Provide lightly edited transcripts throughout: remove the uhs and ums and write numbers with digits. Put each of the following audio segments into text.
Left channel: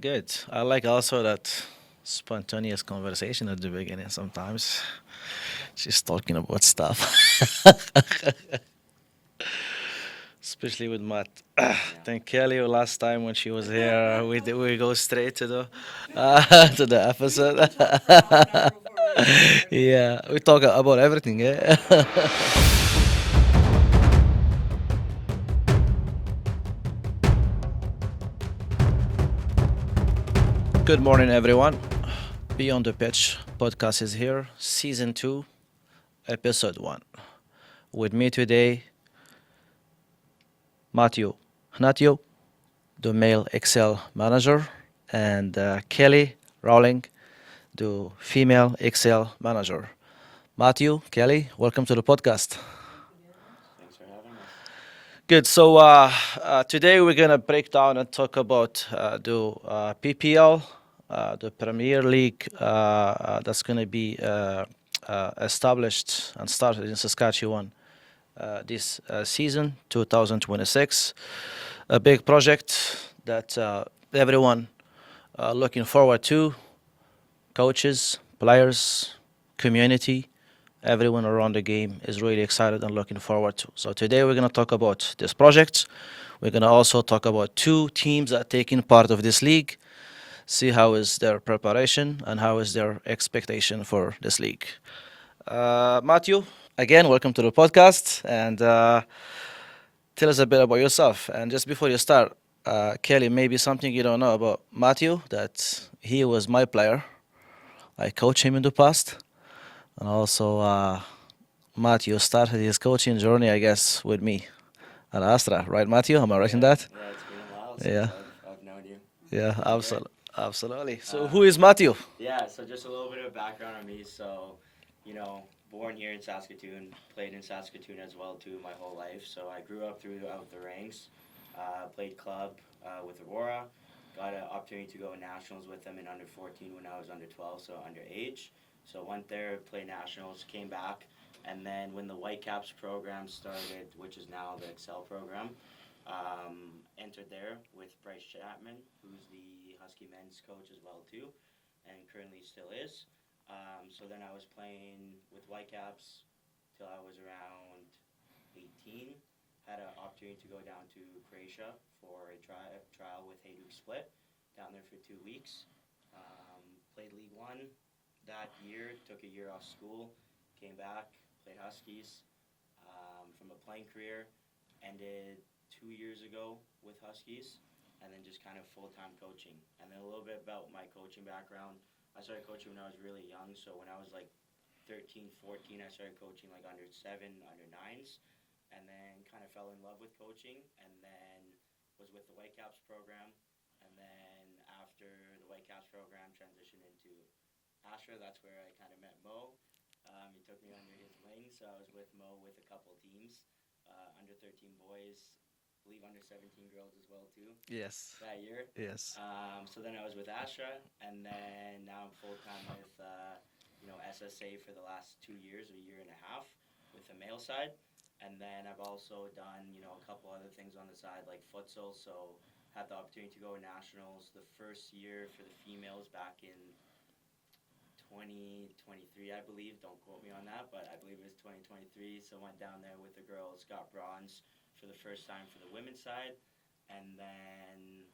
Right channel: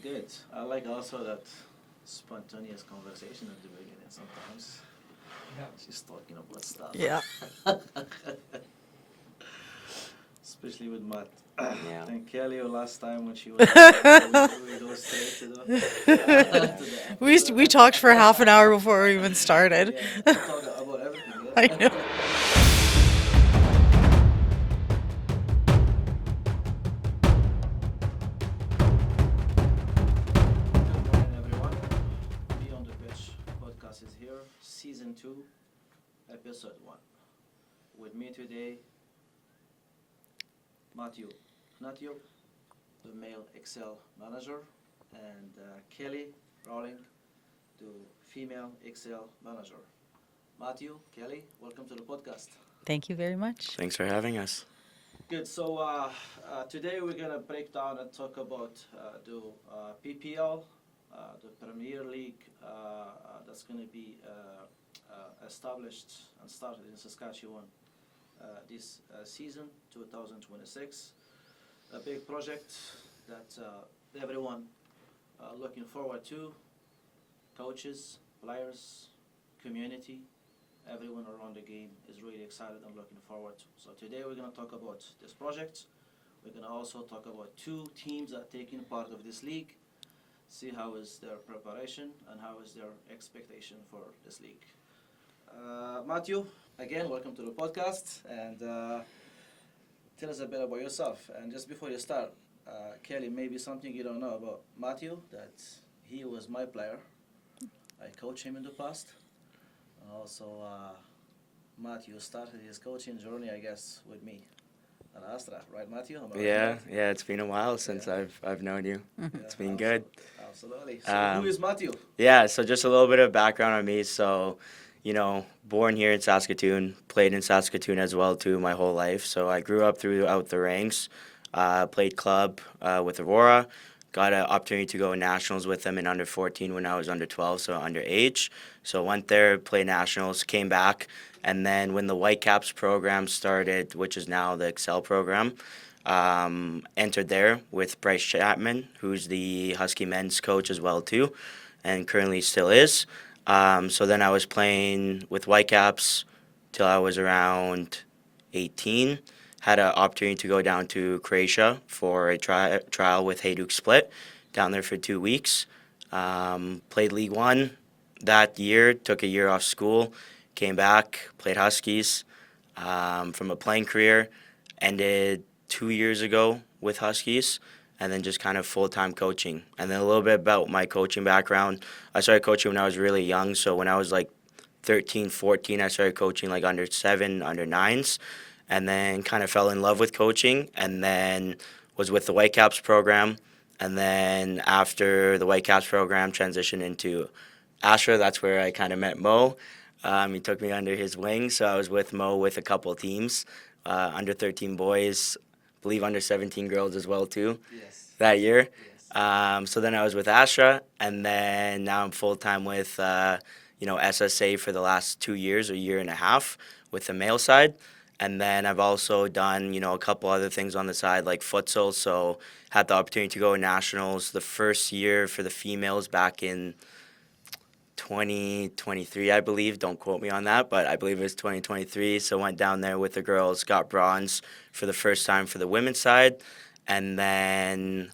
Good. I like also that spontaneous conversation at the beginning sometimes. She's talking about stuff. Yeah. Especially with Matt. Yeah. Thank Kelly last time when she was here. We go straight to the to the We episode. talked for half an hour before we even started. Yeah, we talk about everything. I know. Yeah. Good morning, everyone. Beyond the Pitch podcast is here, season 2, episode 1. With me today, Hnatiw, the male Excel manager, and Kelly Rawlings, the female Excel manager. Matthew, Kelly, welcome to the podcast. Thank you very much. Thanks for having us. Good. So today we're gonna break down and talk about the PPL, the Premier League that's gonna be established and started in Saskatchewan this season, 2026. A big project that everyone looking forward to, coaches, players, community, everyone around the game is really excited and looking forward to. So today we're going to talk about this project. We're going to also talk about two teams that are taking part of this league, see how is their preparation and how is their expectation for this league. Matthew, again, welcome to the podcast, and tell us a bit about yourself. And just before you start, Kelly, maybe something you don't know about Matthew, that he was my player. I coached him in the past. And also, Matthew started his coaching journey, I guess, with me at ASTRA, right, Matthew? Am I right in Yeah, that? yeah, it's been a while since Yeah, I've known you. yeah, It's been good. absolutely. So, who Um, is Matthew? yeah, so just a little bit of background on me. So, born here in Saskatoon, played in Saskatoon as well too my whole life. So I grew up throughout the ranks, played club with Aurora, got an opportunity to go nationals with them in under 14 when I was under 12, so underage. So went there, played nationals, came back, and then when the Whitecaps program started, which is now the Excel program, entered there with Bryce Chapman, who's the Husky men's coach as well too, and currently still is. So then I was playing with Whitecaps till I was around 18. Had an opportunity to go down to Croatia for a trial with Hajduk Split, down there for 2 weeks. Played League One that year, took a year off school, came back, played Huskies. From a playing career, ended 2 years ago with Huskies, and then just kind of full-time coaching. And then a little bit about my coaching background. I started coaching when I was really young, so when I was like 13, 14, I started coaching like under 7, under 9s, and then kind of fell in love with coaching, and then was with the Whitecaps program, and then after the Whitecaps program transitioned into ASTRA. That's where I kind of met Mo. He took me under his wing, so I was with Mo with a couple teams, under 13 boys, believe under 17 girls as well too Yes, that year. yes. So then I was with ASTRA, and then now I'm full time with SSA for the last 2 years, a year and a half, with the male side. And then I've also done a couple other things on the side like futsal. So had the opportunity to go to nationals the first year for the females back in 2023, I believe. Don't quote me on that, but I believe it was 2023. So went down there with the girls, got bronze for the first time for the women's side, and then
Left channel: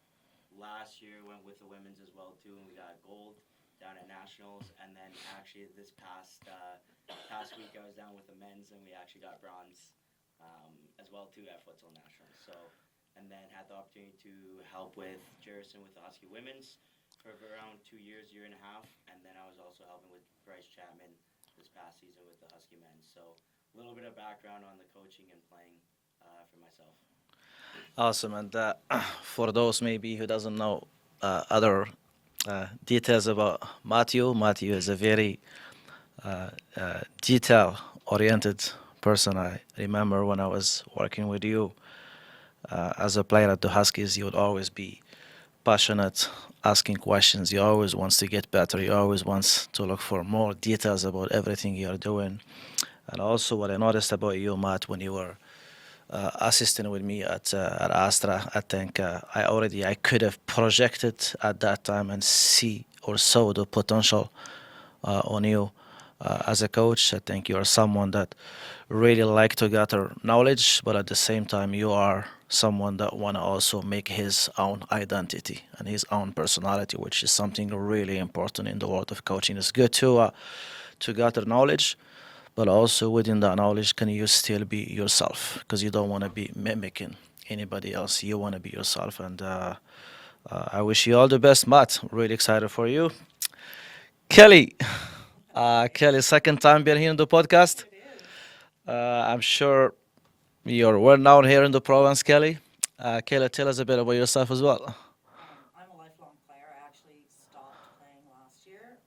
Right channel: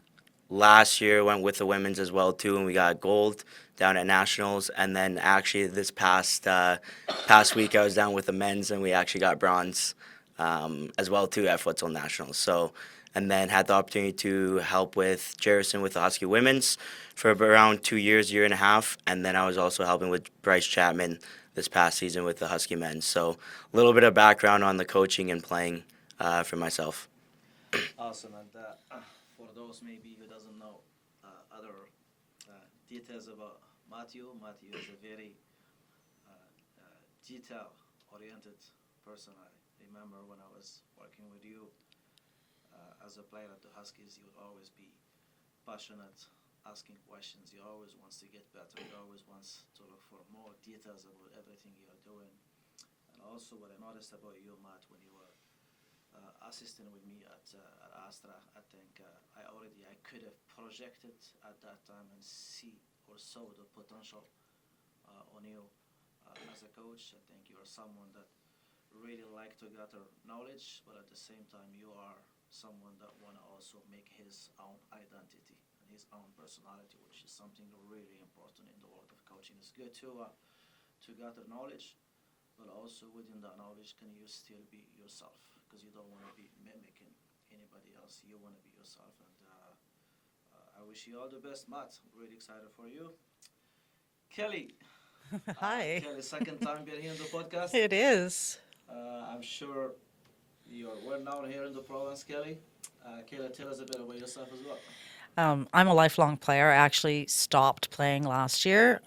last year went with the women's as well too, and we got gold down at nationals. And then actually this past week I was down with the men's, and we actually got bronze as well too at futsal nationals. So and then had the opportunity to help with Jerison with the Husky women's for around 2 years, year and a half, and then I was also helping with Bryce Chapman this past season with the Husky men. So a little bit of background on the coaching and playing for myself. Awesome. And for those maybe who doesn't know other details about Matthew, Matthew is a very detail-oriented person. I remember when I was working with you as a player at the Huskies, you would always be passionate, asking questions. You always wants to get better. You always wants to look for more details about everything you're doing. And also, what I noticed about you, Matt, when you were assisting with me at ASTRA. I think I could have projected at that time and see or saw the potential on you as a coach. I think you are someone that really like to gather knowledge, but at the same time you are someone that want to also make his own identity and his own personality, which is something really important in the world of coaching. It's good to gather knowledge, but also within that knowledge, can you still be yourself? Because you don't want to be mimicking anybody else. You want to be yourself, and I wish you all the best, Matt. Really excited for you, Kelly. Hi. Kelly, second time being here on the podcast. It is. I'm sure you're well known here in the province, Kelly. Kelly, tell us a bit about yourself as well. I'm a lifelong player. I actually stopped playing last year,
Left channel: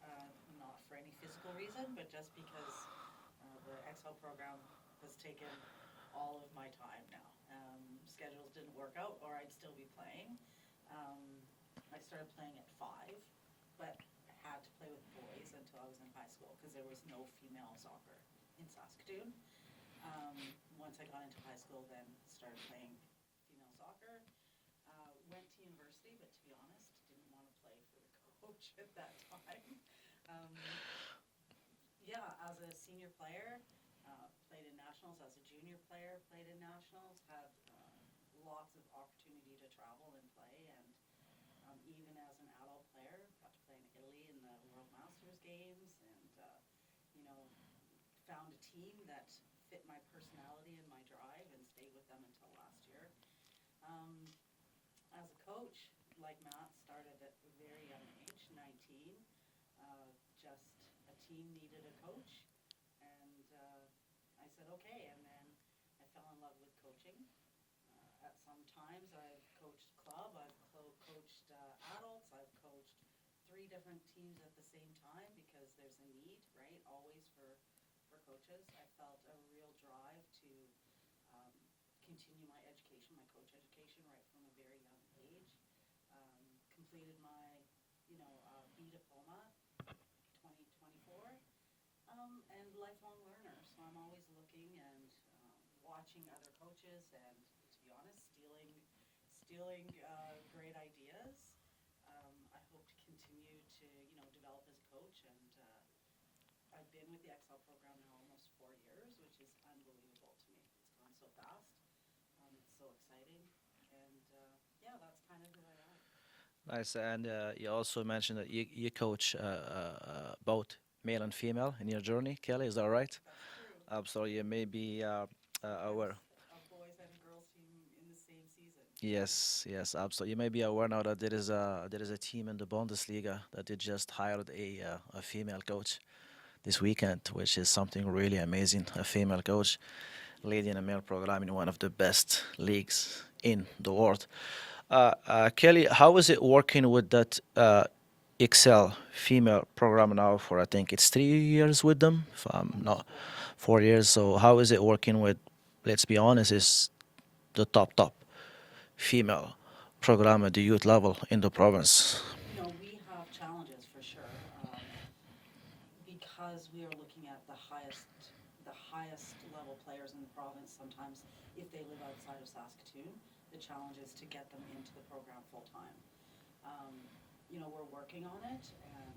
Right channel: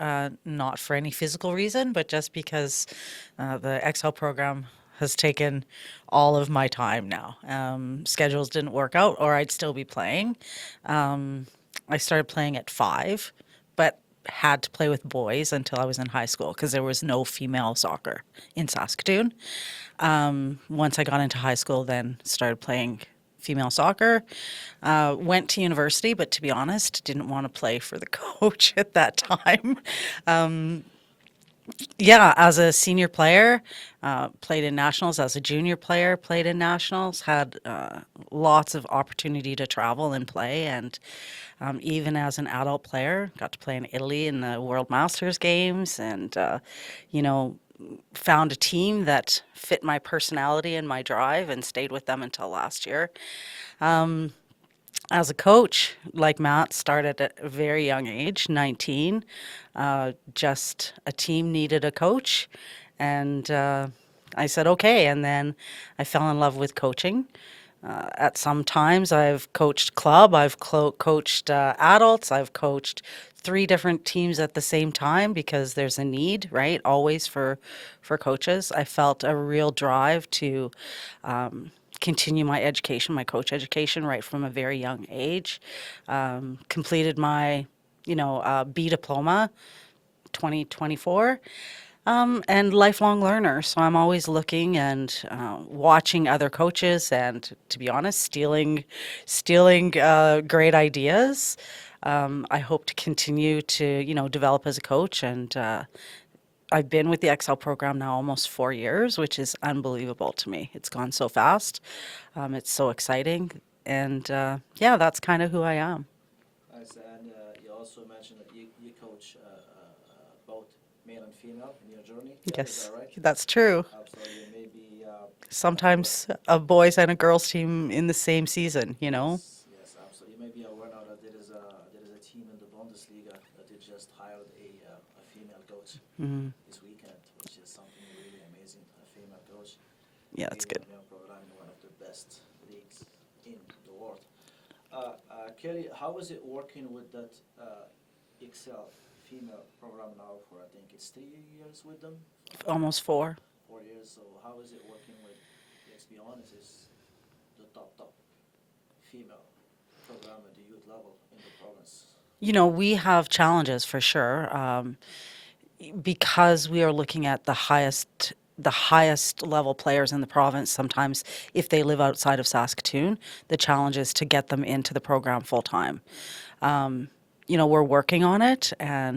not for any physical reason, but just because the XL program has taken all of my time now. Schedules didn't work out, or I'd still be playing. I started playing at 5, but had to play with boys until I was in high school because there was no female soccer in Saskatoon. Once I got into high school, then started playing female soccer. Went to university, but to be honest, didn't want to play for the coach at that time. Yeah, as a senior player, played in nationals. As a junior player, played in nationals. Had lots of opportunity to travel and play, and even as an adult player, got to play in Italy in the World Masters games, and you know, found a team that fit my personality and my drive, and stayed with them until last year. As a coach, like Matt, started at a very young age, 19. Just a team needed a coach, and I said okay. And then I fell in love with coaching. At some times, I've coached club, I've coached adults, I've coached 3 different teams at the same time because there's a need, right? Always for coaches. I felt a real drive to continue my education, my coach education, right from a very young age. Completed my, B diploma, 2024. And lifelong learner, so I'm always looking and watching other coaches, and to be honest, stealing great ideas. I hope to continue to develop as a coach, and I've been with the XL program now almost 4 years, which is unbelievable to me. It's gone so fast. It's so exciting, and yeah, that's kind of who I am. Nice, and you also mentioned that you coach both male and female in your journey, Kelly, is that right? That's true. So you may be Sometimes a boys and a girls team in the same season, you know? Yes, absolutely. You may be aware now that there is a team in the Bundesliga that they just hired a female coach this weekend, which is something really amazing. A female coach Yeah, that's leading a good. male program in one of the best leagues in the world. Kelly, how is it working with that Excel female program now for I think it's 3 years with them? If I'm Almost not 4. 4 years. So how is it working with? Let's be honest, is the top female program at the youth level in the province. We have challenges for sure, because we are looking at the highest level players in the province. Sometimes, if they live outside of Saskatoon, the challenge is to get them into the program full time. We're working on it,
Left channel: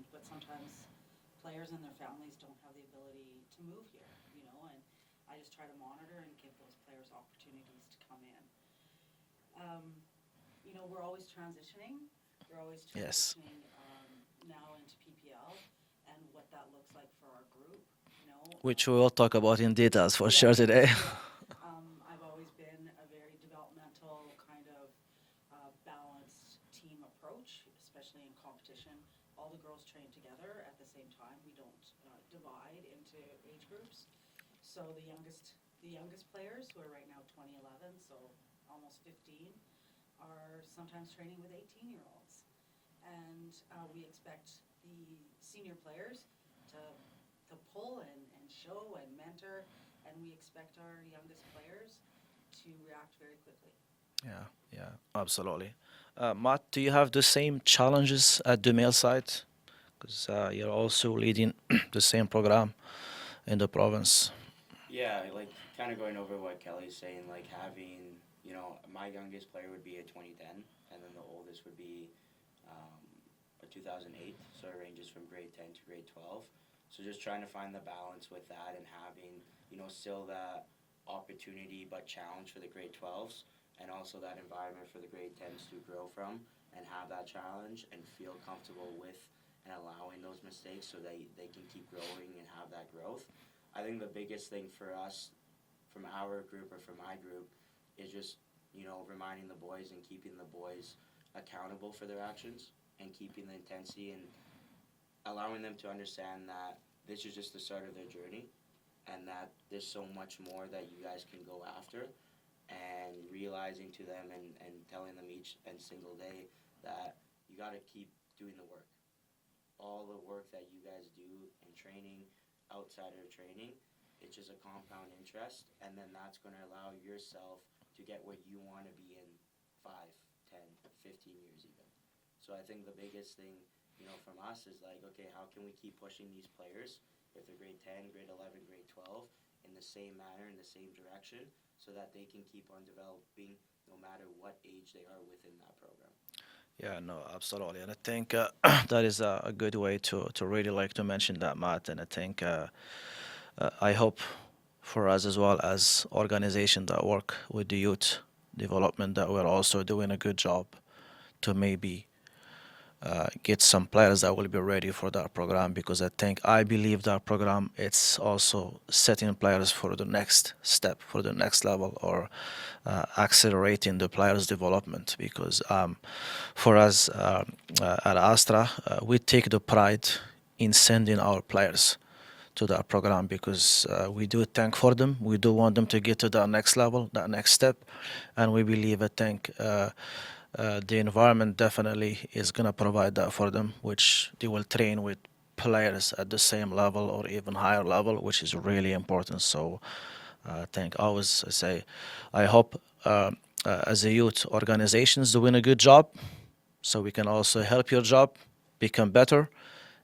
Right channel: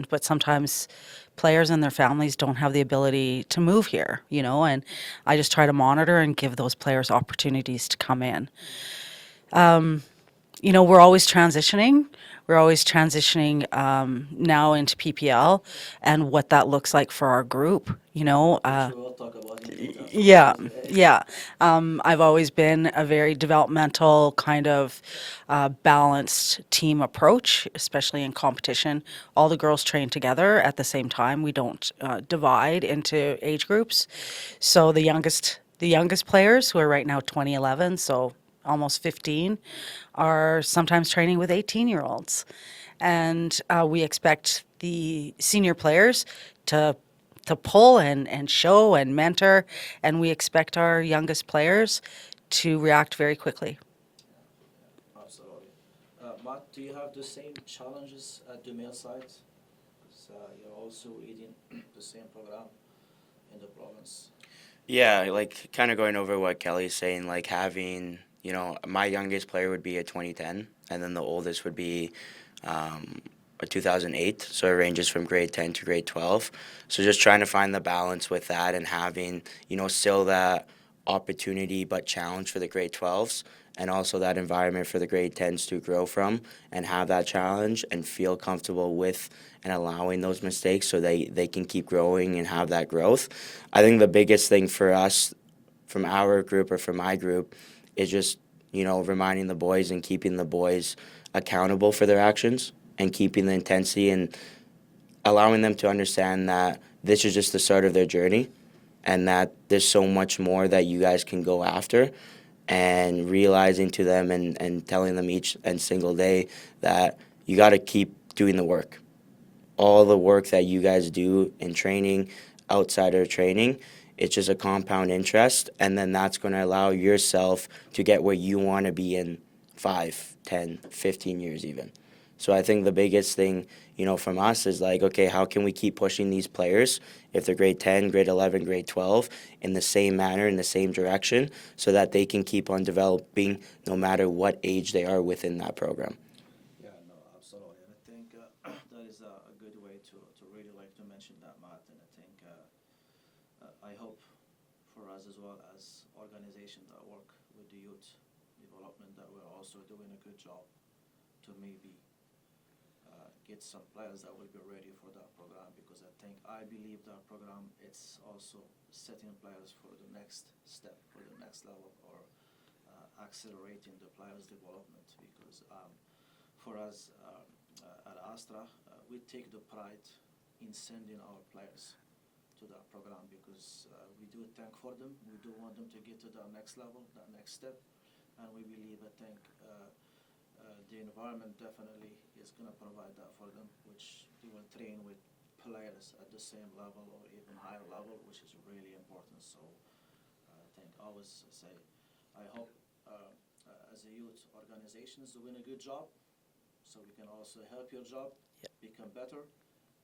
but sometimes players and their families don't have the ability to move here, and I just try to monitor and give those players opportunities to come in. We're always transitioning. We're always transitioning now into PPL and what that looks like for our group, Which we will talk about in details for yeah, sure today. yeah. I've always been a very developmental kind of balanced team approach, especially in competition. All the girls train together at the same time. We don't divide into age groups. So the youngest players, who are right now 2011, so almost 15, are sometimes training with 18-year-olds. And we expect the senior players to pull and show and mentor, and we expect our youngest players to react very quickly. Yeah, absolutely. Matt, do you have the same challenges at the male side? Because you're also leading the same program in the province. Yeah, like kind of going over what Kelly's saying, like having, my youngest player would be a 2010, and then the oldest would be um, a 2008. So it ranges from grade 10 to grade 12. So just trying to find the balance with that and having, still that opportunity but challenge for the grade 12s, and also that environment for the grade 10s to grow from and have that challenge and feel comfortable with and allowing those mistakes so they can keep growing and have that growth. I think the biggest thing for us from our group or from my group is just, reminding the boys and keeping the boys accountable for their actions and keeping the intensity and allowing them to understand that this is just the start of their journey and that there's so much more that you guys can go after, and realizing to them and telling them each and single day that you got to keep doing the work. All the work that you guys do in training, outside of training, it's just a compound interest, and then that's going to allow yourself to get where you want to be in 5, 10, 15 years even. So I think the biggest thing, from us is like, okay, how can we keep pushing these players, if they're grade 10, grade 11, grade 12, in the same manner, in the same direction, so that they can keep on developing no matter what age they are within that program. Yeah, no, absolutely. And I think that is a good way to really like to mention that, Matt. And I think I hope for us as well as organization that work with the youth development that we're also doing a good job to maybe get some players that will be ready for that program, because I believe that program it's also setting players for the next step, for the next level, or accelerating the players development, because for us at Astra we take the pride in sending our players to that program, because we do thank for them. We do want them to get to that next level, that next step, and we believe the environment definitely is going to provide that for them, which they will train with players at the same level or even higher level, which is really important. So I think always I say, I hope as a youth organizations doing a good job, so we can also help your job become better,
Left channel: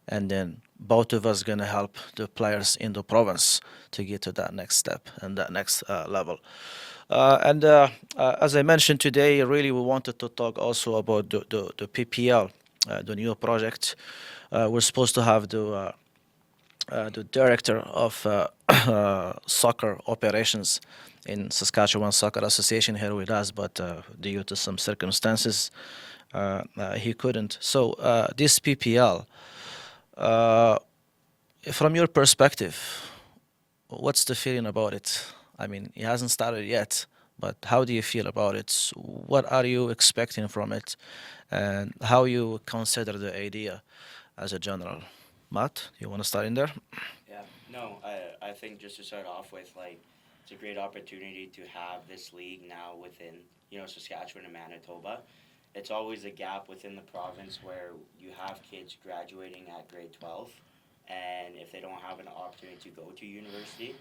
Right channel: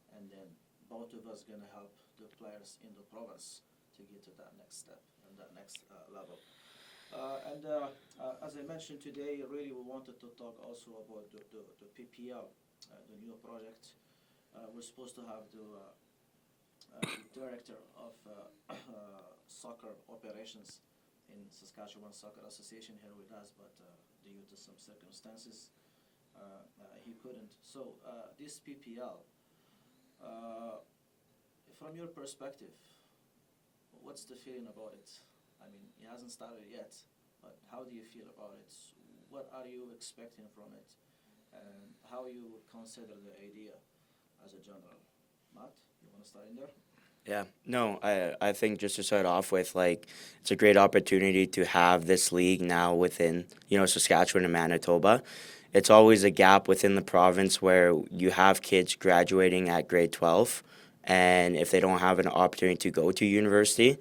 and then both of us gonna help the players in the province to get to that next step and that next level. And as I mentioned today, really we wanted to talk also about the PPL, the new project. We're supposed to have the director of soccer operations in Saskatchewan Soccer Association here with us, but due to some circumstances, he couldn't. So this PPL, uh, from your perspective, what's the feeling about it? I mean, it hasn't started yet, but how do you feel about it? What are you expecting from it, and how you consider the idea as a general? Matt, you want to start in there? Yeah, no, I think just to start off with, like, it's a great opportunity to have this league now within, Saskatchewan and Manitoba. It's always a gap within the province where you have kids graduating at grade 12, and if they don't have an opportunity to go to university,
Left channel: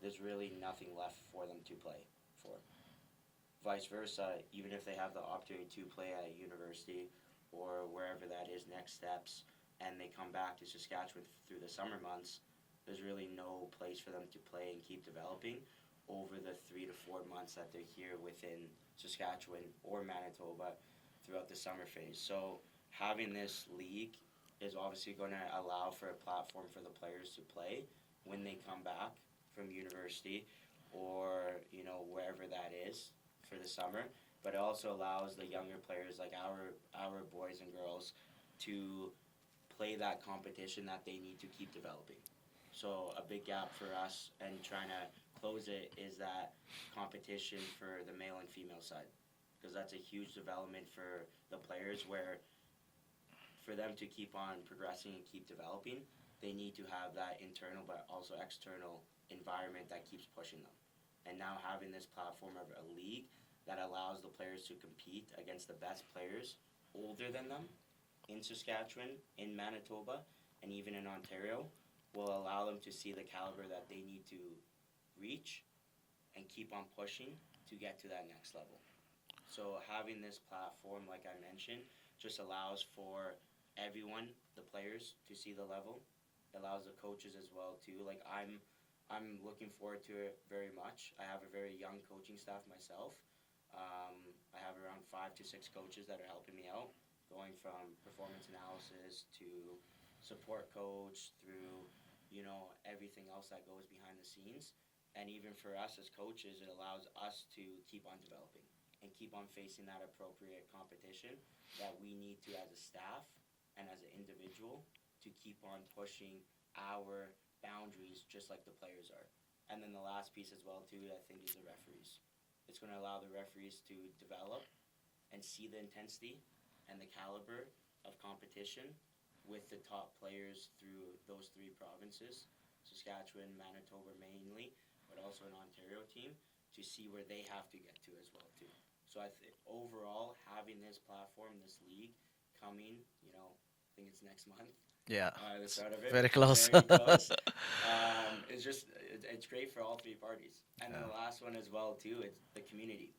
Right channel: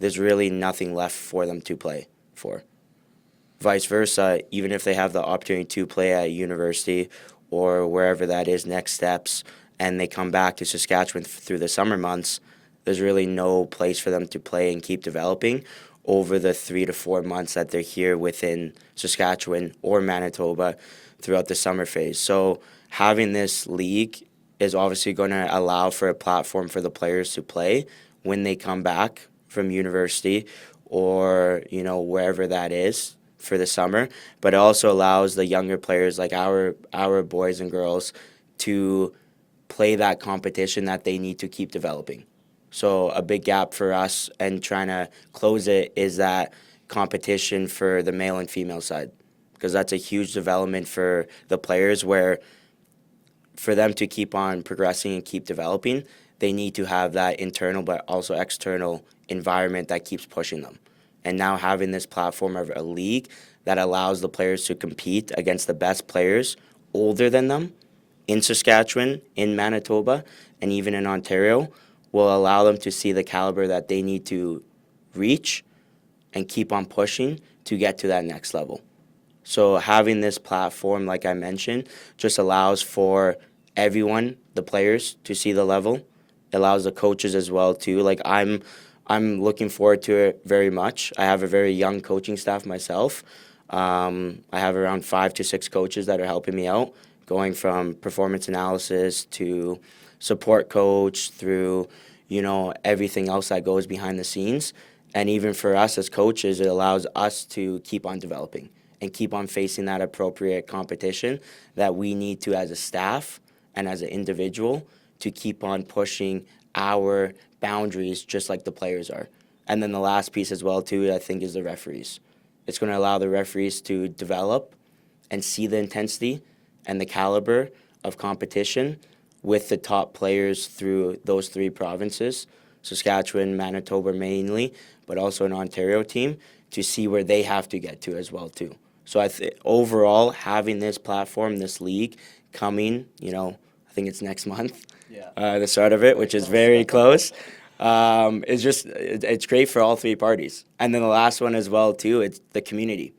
there's really nothing left for them to play for. Vice versa, even if they have the opportunity to play at university or wherever that is, next steps, and they come back to Saskatchewan through the summer months, there's really no place for them to play and keep developing over the 3 to 4 months that they're here within Saskatchewan or Manitoba throughout the summer phase. So having this league is obviously going to allow for a platform for the players to play when they come back from university or, wherever that is for the summer, but it also allows the younger players like our boys and girls to play that competition that they need to keep developing. So a big gap for us and trying to close it is that competition for the male and female side, because that's a huge development for the players where for them to keep on progressing and keep developing, they need to have that internal but also external environment that keeps pushing them. And now having this platform of a league that allows the players to compete against the best players older than them in Saskatchewan, in Manitoba, and even in Ontario will allow them to see the caliber that they need to reach and keep on pushing to get to that next level. So having this platform, like I mentioned, just allows for everyone, the players, to see the level. It allows the coaches as well too. Like I'm I'm looking forward to it very much. I have a very young coaching staff myself. I have around 5 to 6 coaches that are helping me out, going from performance analysis to support coach through, everything else that goes behind the scenes. And even for us as coaches, it allows us to keep on developing and keep on facing that appropriate competition that we need to as a staff and as an individual to keep on pushing our boundaries just like the players are. And then the last piece as well too, I think, is the referees. It's going to allow the referees to develop and see the intensity and the caliber of competition with the top players through those 3 provinces, Saskatchewan, Manitoba mainly, but also an Ontario team, to see where they have to get to as well too. So overall, having this platform, this league coming, I think it's next month, Yeah. the start of it, Very which is close. very close. It's great for all 3 parties. And then the last one as well too, it's the community.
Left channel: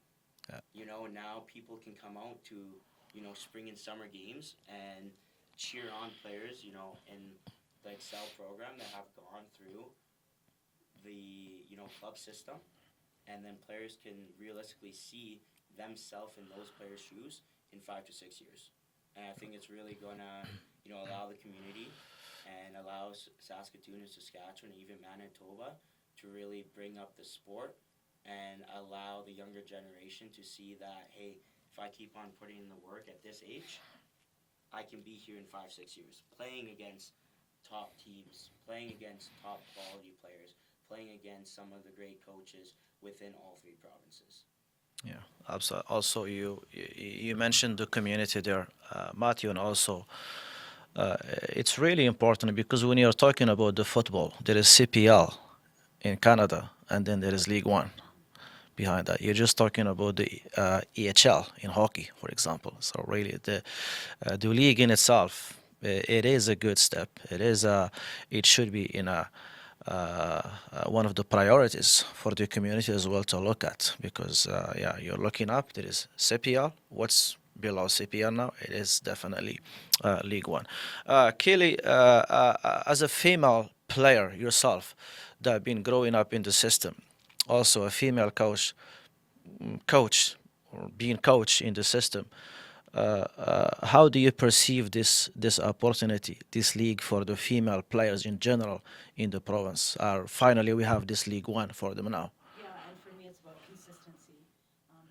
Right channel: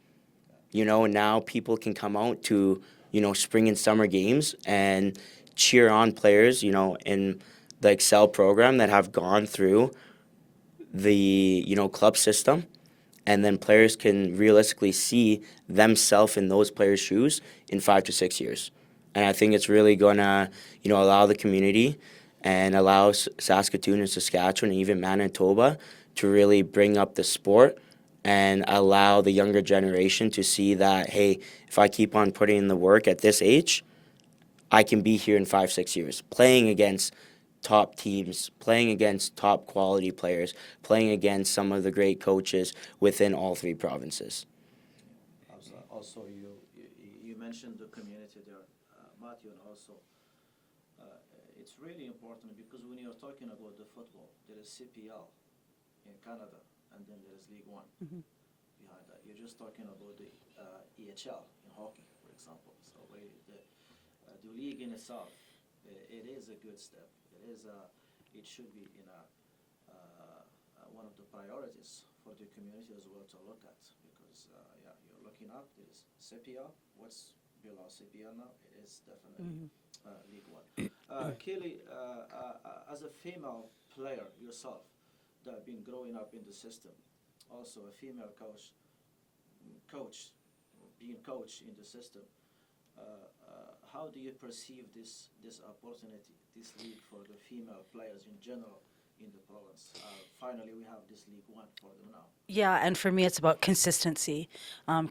Now people can come out to, spring and summer games and cheer on players, in the Excel program that have gone through the, club system. And then players can realistically see themselves in those players' shoes in 5 to 6 years. And I think it's really going to, allow the community and allow Saskatoon and Saskatchewan and even Manitoba to really bring up the sport and allow the younger generation to see that, hey, if I keep on putting in the work at this age, I can be here in 5, 6 years, playing against top teams, playing against top quality players, playing against some of the great coaches within all 3 provinces. Yeah, absolutely. Also, you mentioned the community there, Matthew, and also it's really important because when you're talking about the football, there is CPL in Canada, and then there is League One behind that. You're just talking about the EHL in hockey, for example. So really, the league in itself, it is a good step. It should be in one of the priorities for the community as well to look at, because you're looking up. There is CPL. What's below CPL now? It is definitely League One. Kelly, as a female player yourself, that have been growing up in the system, also a female coach or being coach in the system, how do you perceive this opportunity, this league for the female players in general in the province? Finally, we have this League One for them now. Yeah, and for me, it's about consistency,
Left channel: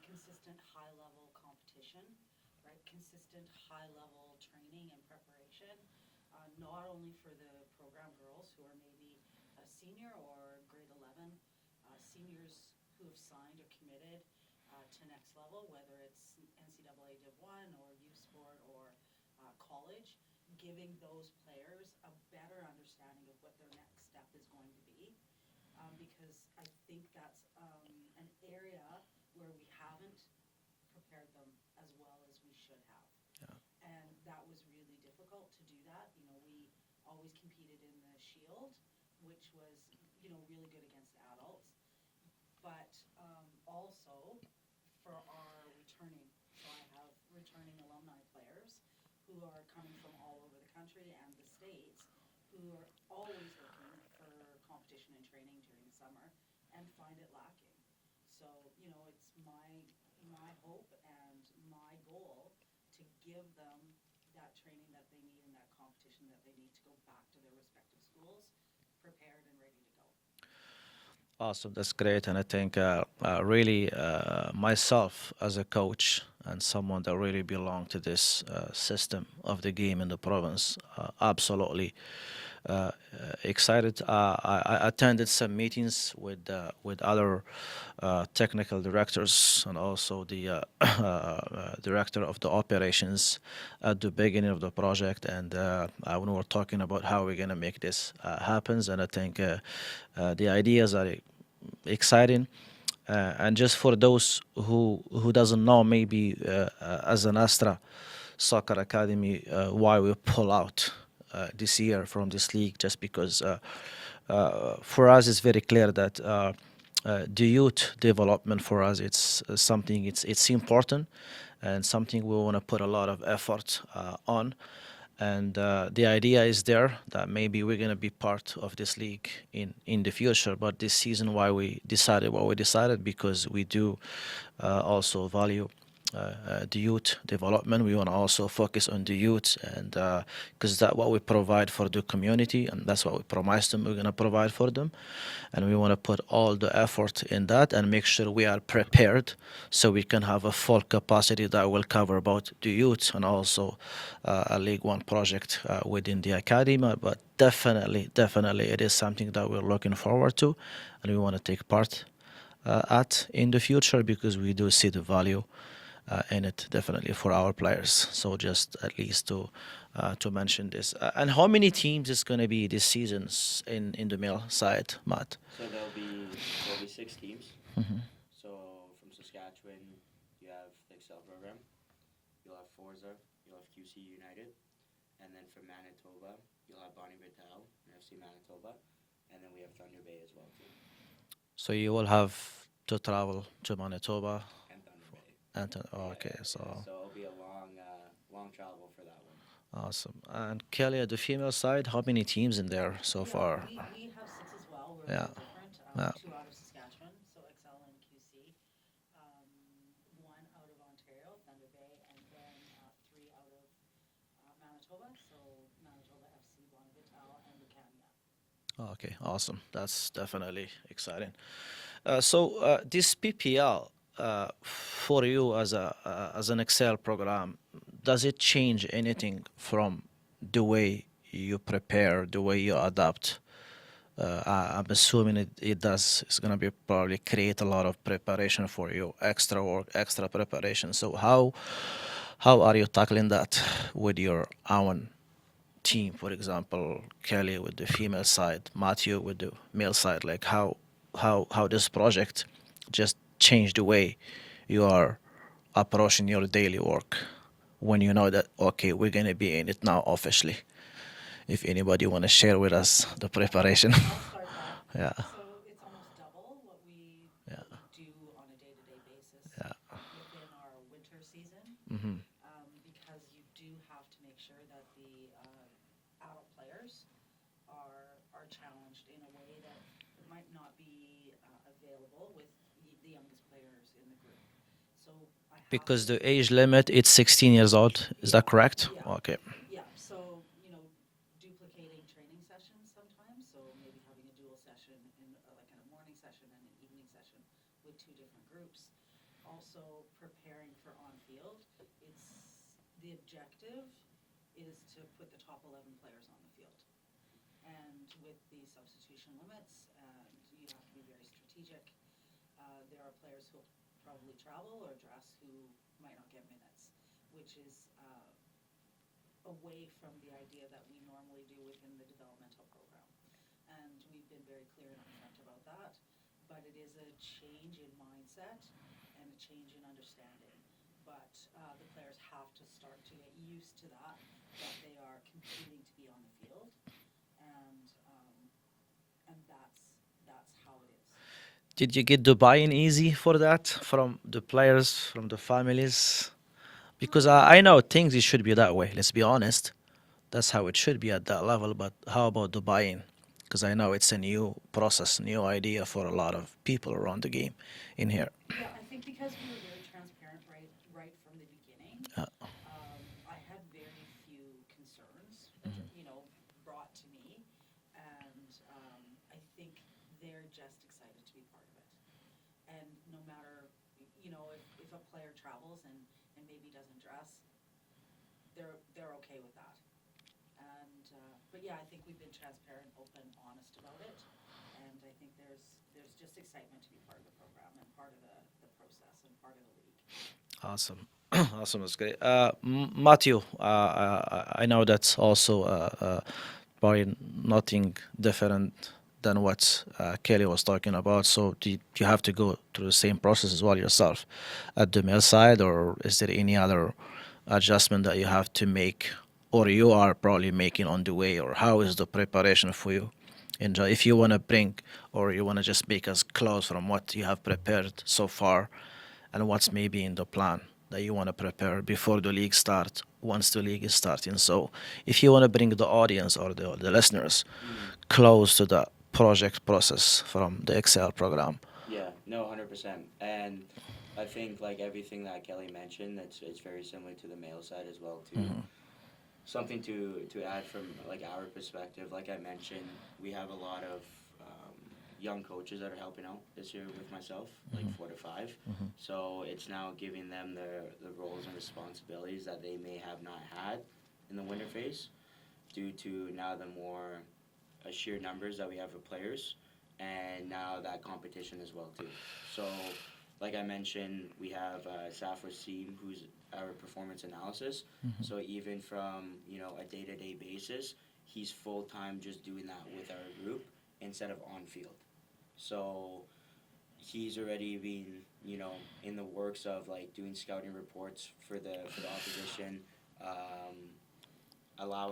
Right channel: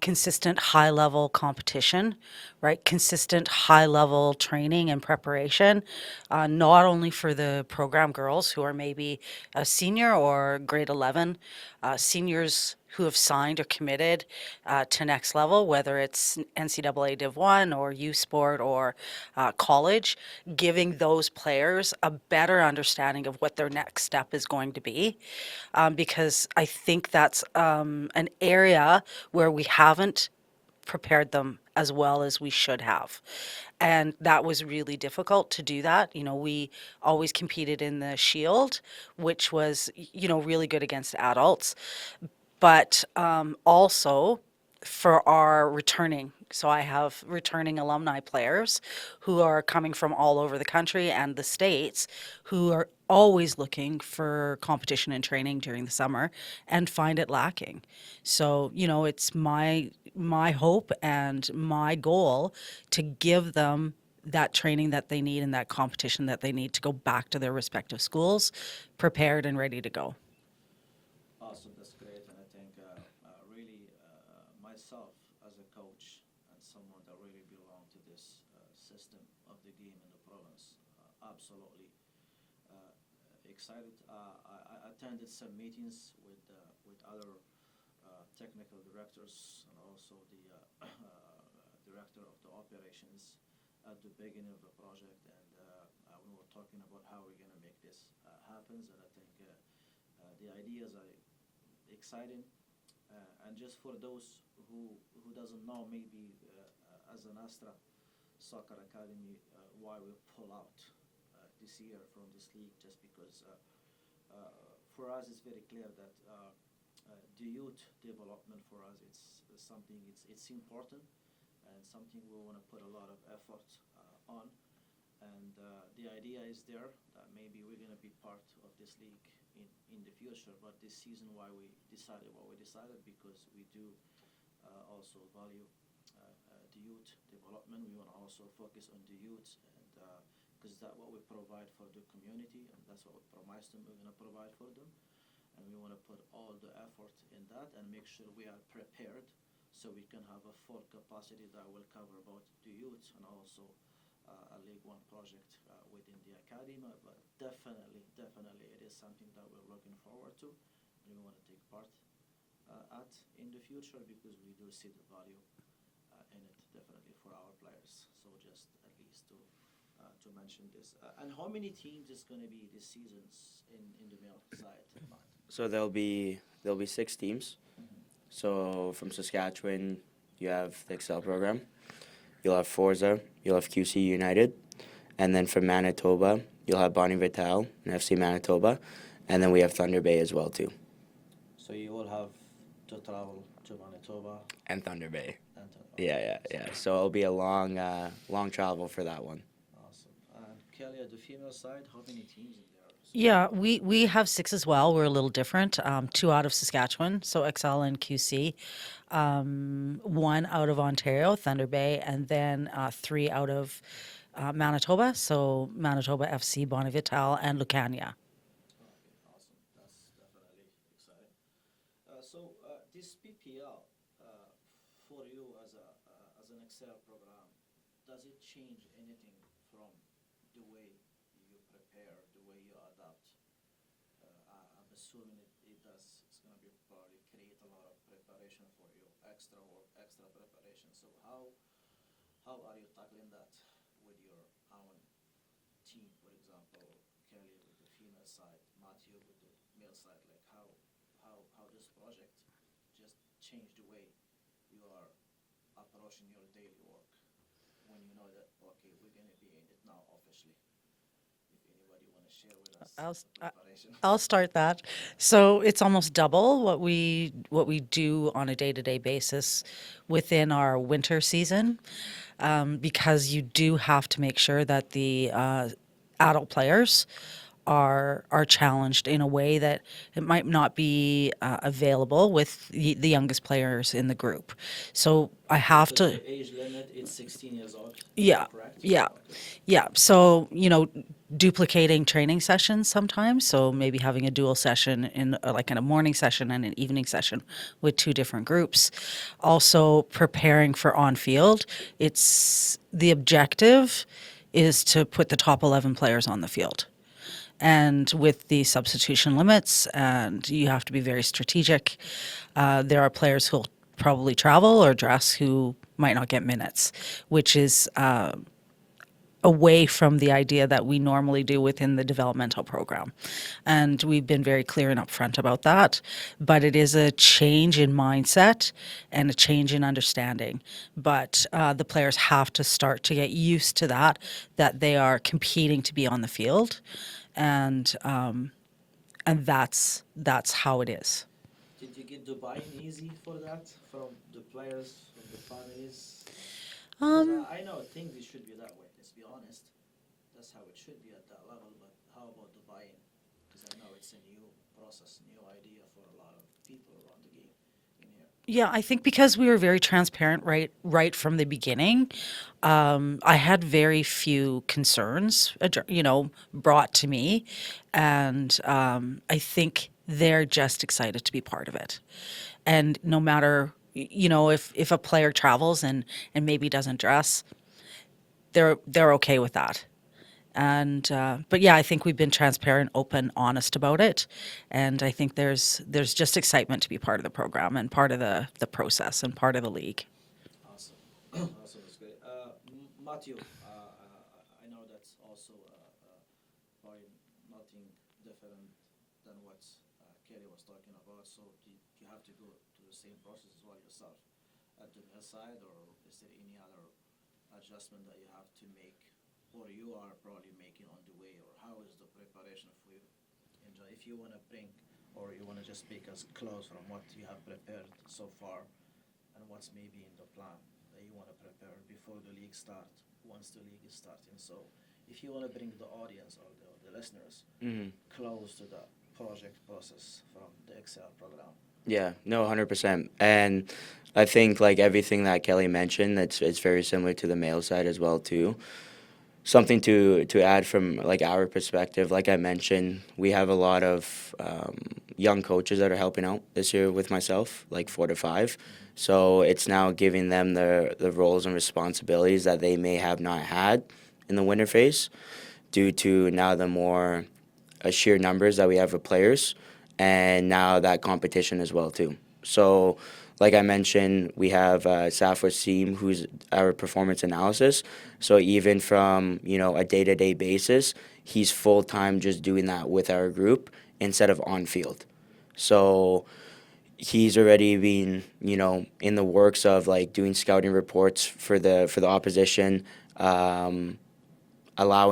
consistent high-level competition, right? Consistent high-level training and preparation, not only for the program girls who are maybe a senior or grade 11, seniors who have signed or committed to next level, whether it's NCAA Div 1 or U Sport or college, giving those players a better understanding of what their next step is going to be. Because I think that's an area where we haven't prepared them as well as we should have. And that was really difficult to do that. We always competed in the Shield, which was, really good against adults, but also for our returning. So I have returning alumni players who are coming from all over the country and the States who are always looking for competition and training during the summer and find it lacking. So, it's my hope and my goal to give them that training that they need and that competition that they need to go back to their respective schools prepared and ready to go. Awesome, that's great, and I think really myself as a coach and someone that really belong to this system of the game in the province, absolutely excited. I attended some meetings with other technical directors and also the director of the operations at the beginning of the project, and when we were talking about how we're gonna make this happen, and I think the ideas are exciting. And just for those who doesn't know, maybe as an ASTRA Soccer Academy, why we pull out this year from this league, just because for us it's very clear that the youth development for us, it's something, it's important and something we want to put a lot of effort on. and the idea is there that maybe we're gonna be part of this league in the future. But this season, why we decided what we decided, because we do also value the youth development. We want to also focus on the youth, and because that's what we provide for the community, and that's what we promise them we're going to provide for them. And we want to put all the effort in that and make sure we are prepared so we can have a full capacity that will cover both the youth and also a League One project within the academy. But definitely, it is something that we're looking forward to, and we want to take part at in the future, because we do see the value in it definitely for our players. So just at least to mention this. And how many teams is going to be this season in the male side, Matt? So there'll be 6 teams. So from Saskatchewan, you have the Excel program. You'll have Forza. You'll have QC United, and then from Manitoba, you'll have Bonnie Vital and FC Manitoba, and then we have Thunder Bay as well too. So you will have to travel to Manitoba And Thunder Bay. and to, Yeah. So it'll be a long travel for that one. Awesome. And Kelly, at the female side, how many teams in there so Yeah, far? we have 6 as well. We're a little Yeah. different. 2 out of Saskatchewan, so XL and QC. 1 out of Ontario, Thunder Bay, and then 3 out of Manitoba, so Manitoba FC, Bonnie Vital, and Lucania. Okay, awesome. That's definitely exciting. This PPL for you as an Excel program, does it change anything from the way you prepare, the way you adapt? I'm assuming it does. It's gonna be probably create a lot of preparation for you, extra work, extra preparation. So how are you tackling that with your own team? For example, Kelly with the female side, Matthew with the male side. Like how this project just changed the way you are approaching your daily work when you know that okay, we're gonna be in it now officially. If anybody want to share with us the preparation. I'll start that. Yeah. So it's almost double what we do on a day-to-day basis within our winter season, because you do have to make sure that the adult players are challenged in a way that it might not be available with the youngest players in the group. So I have Because to. the age limit, it's 16 years old. Is Yeah, that correct? yeah. Okay. Yeah. So, duplicating training sessions sometimes. So maybe having a dual session in a morning session and an evening session with 2 different groups. Also preparing for on field. The objective is to put the top 11 players on the field. And with the substitution limits, and you have to be very strategic. There are players who'll probably travel or dress who might not get minutes, which is away from the idea that we normally do within the developmental program. And we've been very clear and upfront about that. But it is a change in mindset and a change in understanding. But the players have to start to get used to that they are competing to be on the field. And that's how it is. Did you get the buy-in easy for that from the players, from the families? Because I know things it should be that way. Let's be honest. That's how it should be at that level. But how about the buy-in? Because I know it's a new process, new idea for a lot of people around the game in here. Yeah, I think because we were very transparent right from the beginning, I had very few concerns, brought to me, and I think they're just excited to be part of it. And no matter, if a player travels and maybe doesn't dress, they're okay with that. And but yeah, I think we've been transparent, open, honest about it, and I think there's just excitement to be part of the program and part of the process and part of the league. Awesome. Awesome. That's great. Matthew, I know that's also probably nothing different than what Kelly was talking about. So do you have to go through the same process as well yourself at the male side, or is there any other adjustment that you have to make, or you are probably making on the way, or how is the preparation for you? And if you want to bring, or you want to just make us close from what you have prepared so far, and what's maybe in the plan that you want to prepare before the league starts, once the league is starting. So if you want to bring the audience or the listeners close to the project process from the Excel program. Yeah, no, 100%. And I think like everything that Kelly mentioned, it's very similar to the male side as well too. Something to add from like our perspective, like I mentioned, we have a lot of young coaches that are helping out this year with myself, like 4 to 5. So it's now giving them the roles and responsibilities that they may have not had in the winter phase, due to now the more sheer numbers that we have of players, and now that competition as well too. So, like I mentioned, we have Safwa Seam, who's our performance analysis. So even from a day-to-day basis, he's full-time just doing that with our group instead of on field. So he's already been in the works of like doing scouting reports for the opposition, allowing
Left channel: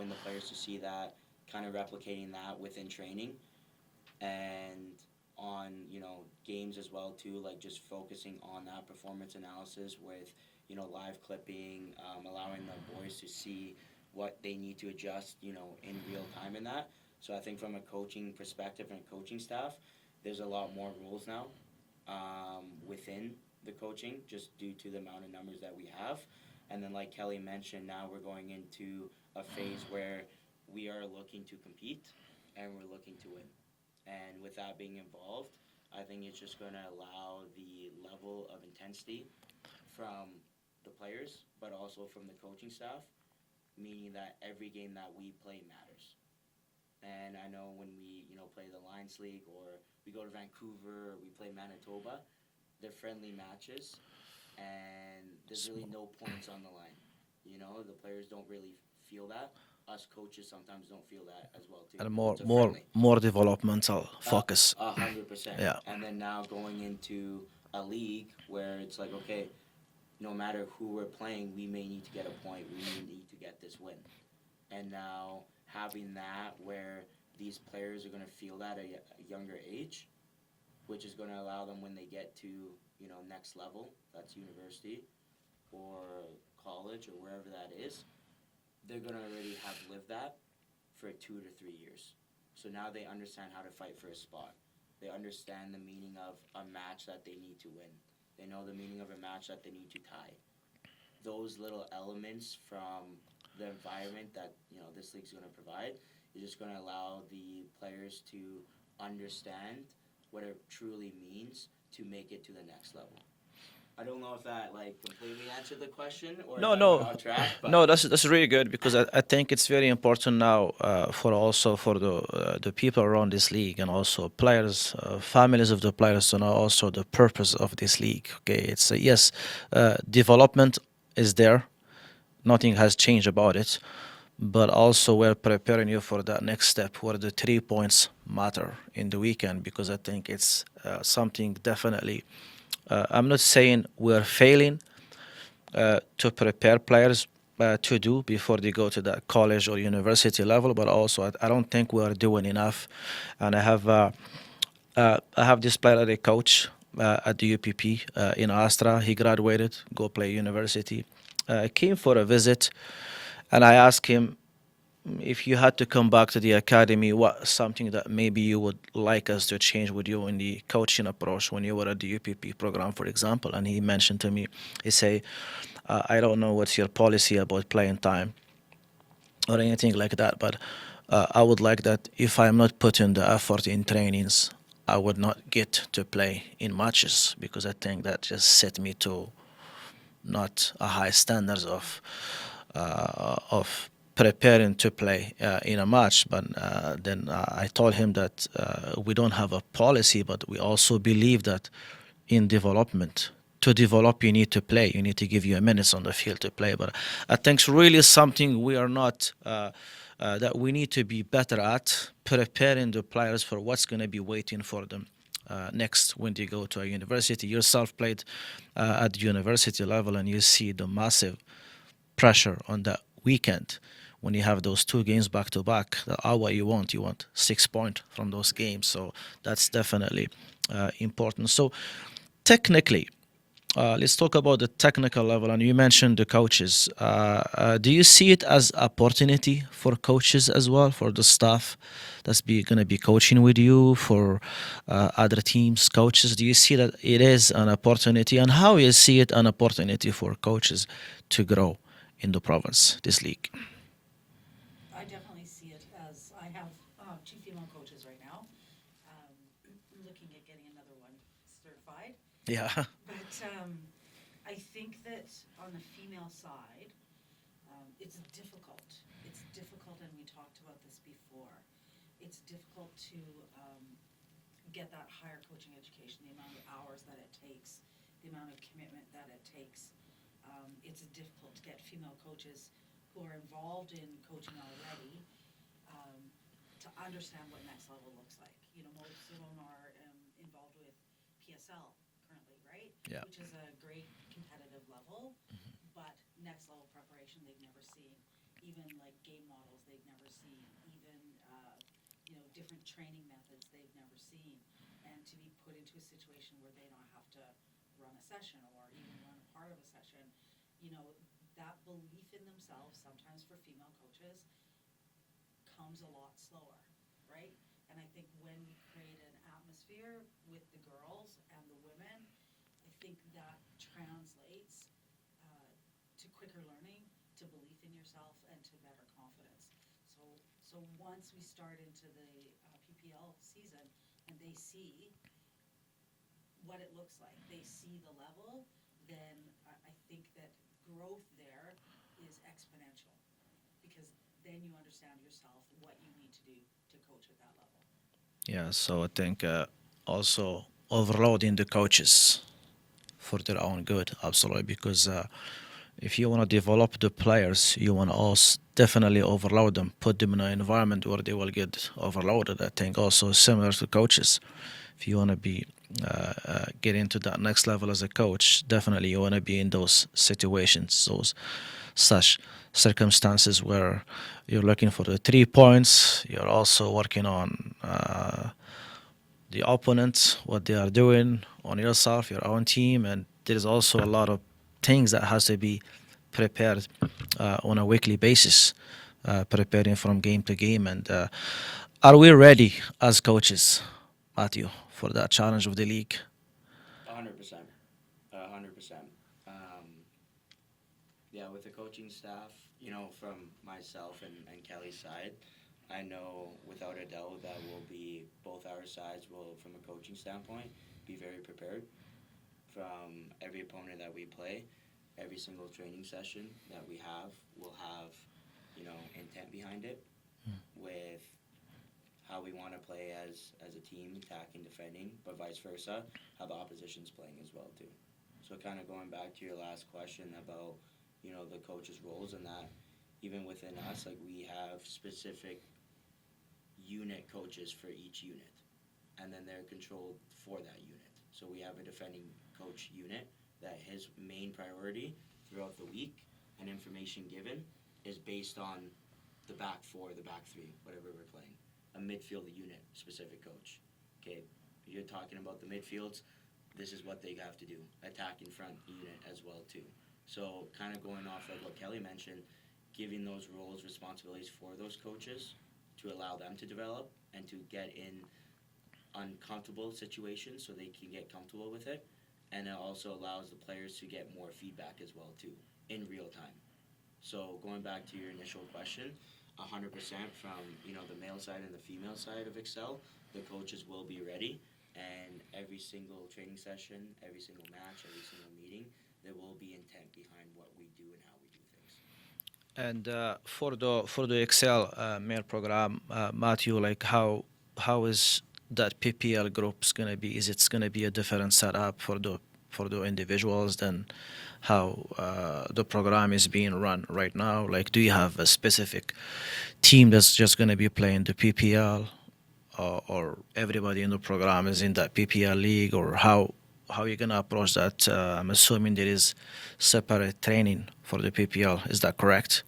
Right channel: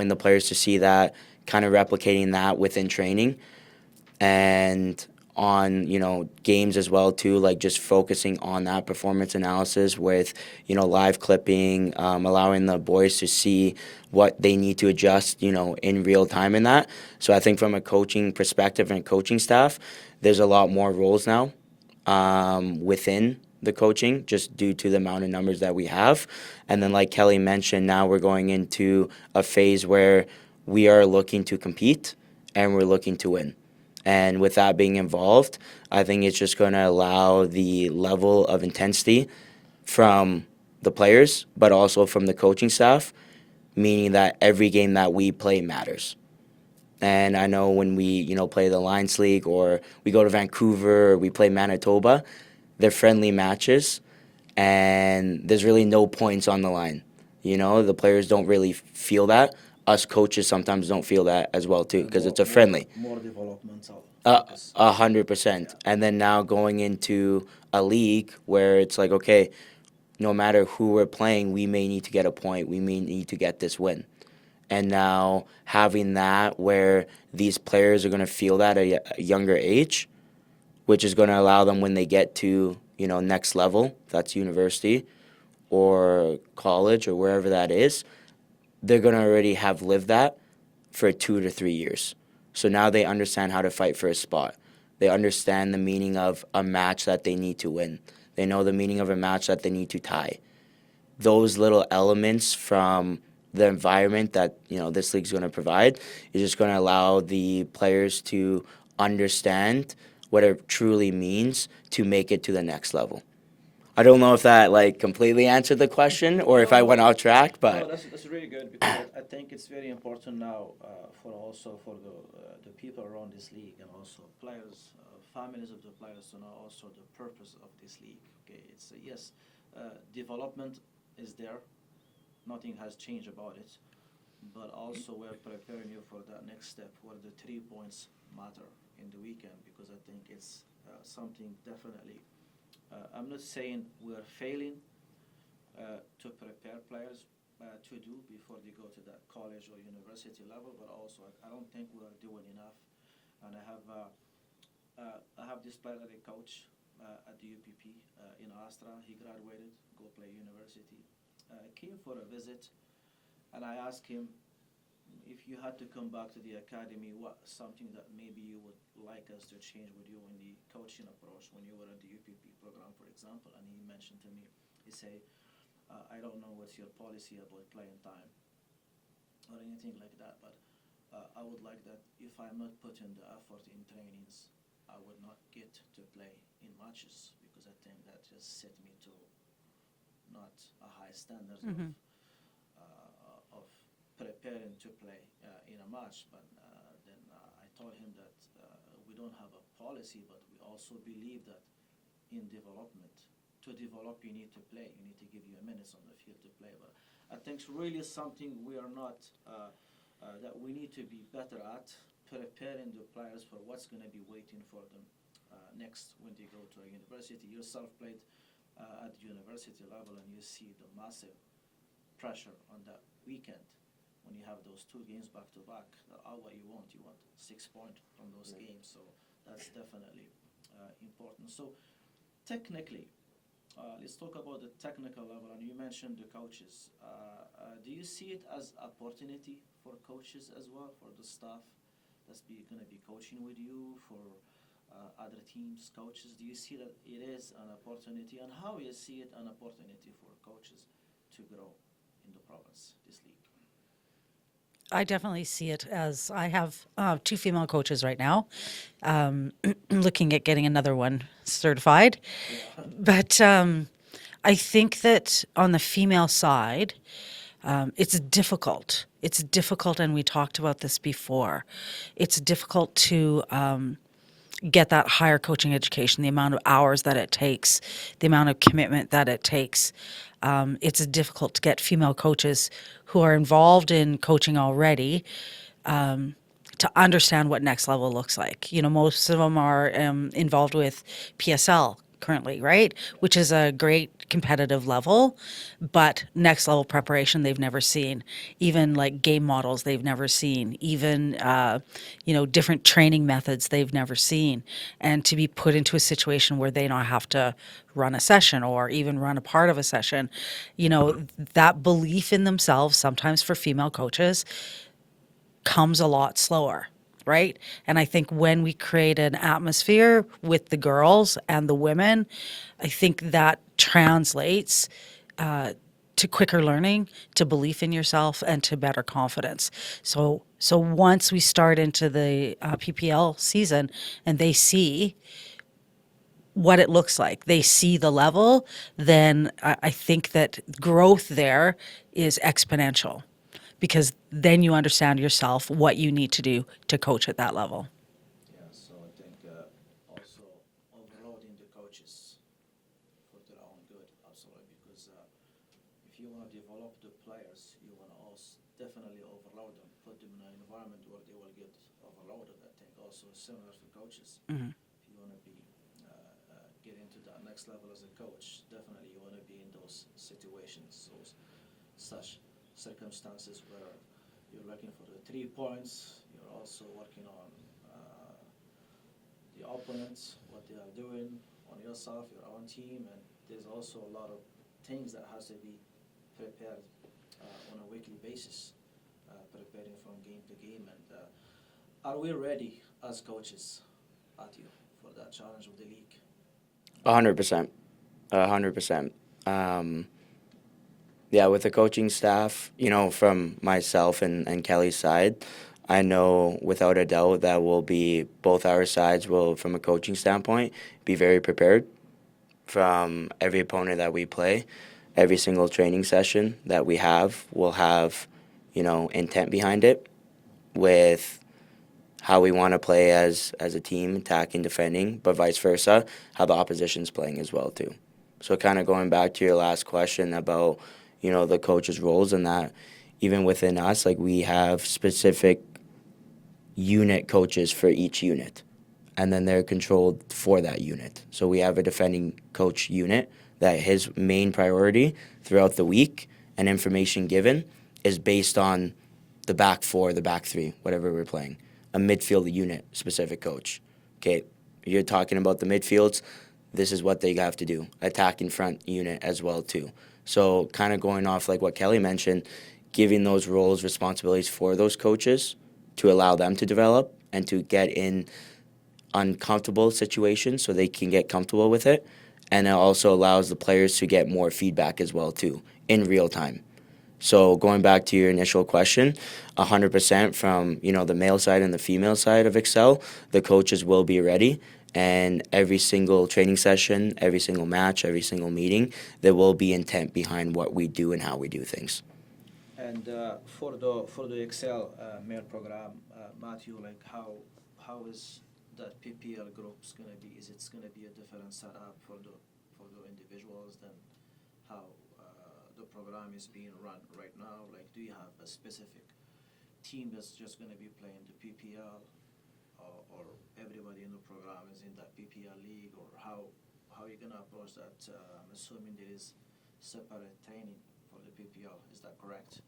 the players to see that, kind of replicating that within training, and on games as well too, like just focusing on that performance analysis with live clipping, allowing the boys to see what they need to adjust in real time in that. So I think from a coaching perspective and coaching staff, there's a lot more roles now within the coaching, just due to the amount of numbers that we have. And then like Kelly mentioned, now we're going into a phase where we are looking to compete and we're looking to win. And with that being involved, I think it's just going to allow the level of intensity from the players, but also from the coaching staff, meaning that every game that we play matters. And I know when we, play the Lions League, or we go to Vancouver, or we play Manitoba, they're friendly matches, and there's really no points on the line. The players don't really feel that. Us coaches sometimes don't feel that as well too, because it's a friendly. More developmental focus. 100%. Yeah. And then now going into a league where it's like, okay, no matter who we're playing, we may need to get a point. We may need to get this win. And now having that where these players are going to feel that at a younger age, which is going to allow them when they get to, next level, if that's university or college or wherever that is, they're going to already have lived that for 2 to 3 years. So now they understand how to fight for a spot. They understand the meaning of a match that they need to win. They know the meaning of a match that they need to tie. Those little elements from the environment that this league's going to provide is just going to allow the players to understand what it truly means to make it to the next level. I don't know if that completely answered the question or if I went off track, but no, that's really good, because I think it's very important now for the people around this league, and also players, families of the players, to know also the purpose of this league. Okay, it's yes, development is there, nothing has changed about it, but also we're preparing you for that next step where the 3 points matter in the weekend, because I think it's something definitely. I'm not saying we're failing to prepare players to do before they go to that college or university level, but also I don't think we are doing enough. And I have this player that I coach at the UPP in ASTRA. He graduated, go play university. Came for a visit, and I asked him, if you had to come back to the academy, what something that maybe you would like us to change with you in the coaching approach when you were at the UPP program, for example. And he mentioned to me, he say, I don't know what's your policy about playing time or anything like that, but I would like that if I'm not putting the effort in trainings, I would not get to play in matches, because I think that just set me to not a high standards of preparing to play in a match. But then I told him that we don't have a policy, but we also believe that in development, to develop, you need to play. You need to give you a minutes on the field to play. But I think it's really something we are not, that we need to be better at, preparing the players for what's going to be waiting for them next when they go to a university. Yourself played at the university level, and you see the massive pressure on that weekend when you have those 2 games back to back. What you want 6 points from those games. So that's definitely important. So technically, let's talk about the technical level. And you mentioned the coaches. Do you see it as opportunity for coaches as well, for the staff that's going to be coaching with you, for other teams, coaches? Do you see that it is an opportunity, and how you see it an opportunity for coaches to grow in the province, this league? I definitely see it as I have two female coaches right now, looking at getting another one certified. Yeah. But I think that on the female side, it's difficult. It's difficult, and we talked about this before. It's difficult to get that higher coaching education, the amount of hours that it takes, the amount of commitment that it takes. It's difficult to get female coaches who are involved in coaching already to understand what next level looks like. You know, most of them are involved with PSL currently, right? Which is a great competitive level, but next level preparation they've never seen. Even like game models they've never seen. Even different training methods they've never seen. And to be put into a situation where they don't have to run a session or even run a part of a session, that belief in themselves sometimes for female coaches comes a lot slower, right? And I think when we create an atmosphere with the girls and the women, I think that translates to quicker learning, to belief in yourself, and to better confidence. So once we start into the PPL season and they see what it looks like, they see the level, then I think that growth there is exponential, because then you understand yourself what you need to do to coach at that level. Yeah, so I think also overloading the coaches for their own good, absolutely, because if you want to develop the players, you want to also definitely overload them, put them in an environment where they will get overloaded. I think also similar to coaches. If you want to be get into that next level as a coach, definitely you want to be in those situations, those such circumstances where you're looking for the 3 points. You're also working on the opponents, what they are doing, on yourself, your own team, and there's also a lot of things that has to be prepared on a weekly basis, preparing from game to game. And are we ready as coaches, Hnatiw, for that challenge of the league? 100%. 100%. Yeah, with the coaching staff, from myself and Kelly's side, I know without a doubt that both our sides will, from a coaching standpoint, be very prepared from every opponent that we play. Every single training session that we have will have, intent behind it with how we want to play as a team, attacking, defending, but vice versa, how the opposition's playing as well too. So kind of going back to your last question about, the coaches' roles, and that even within us, like we have specific unit coaches for each unit, and then they're controlled for that unit. So we have a defending coach unit that his main priority throughout the week and information given is based on the back four, the back three, whatever we're playing. A midfield unit specific coach. Okay, you're talking about the midfields, this is what they have to do. Attack in front unit as well too. So kind of going off like what Kelly mentioned, giving those roles, responsibilities for those coaches to allow them to develop and to get in uncomfortable situations so they can get comfortable with it. And it also allows the players to get more feedback as well too in real time. So going back to your initial question, 100% from the male side and the female side of Excel, the coaches will be ready. And every single training session, every single match, every single meeting, there will be intent behind what we do and how we do things. And for the Excel male program, Hnatiw, like how is that PPL group's gonna be? Is it's gonna be a different setup for the individuals than how the program is being run right now? Like, do you have a specific team that's just gonna be playing the PPL, or everybody in the program is in that PPL league, or how you gonna approach that? I'm assuming there is separate training for the PPL. Is that correct?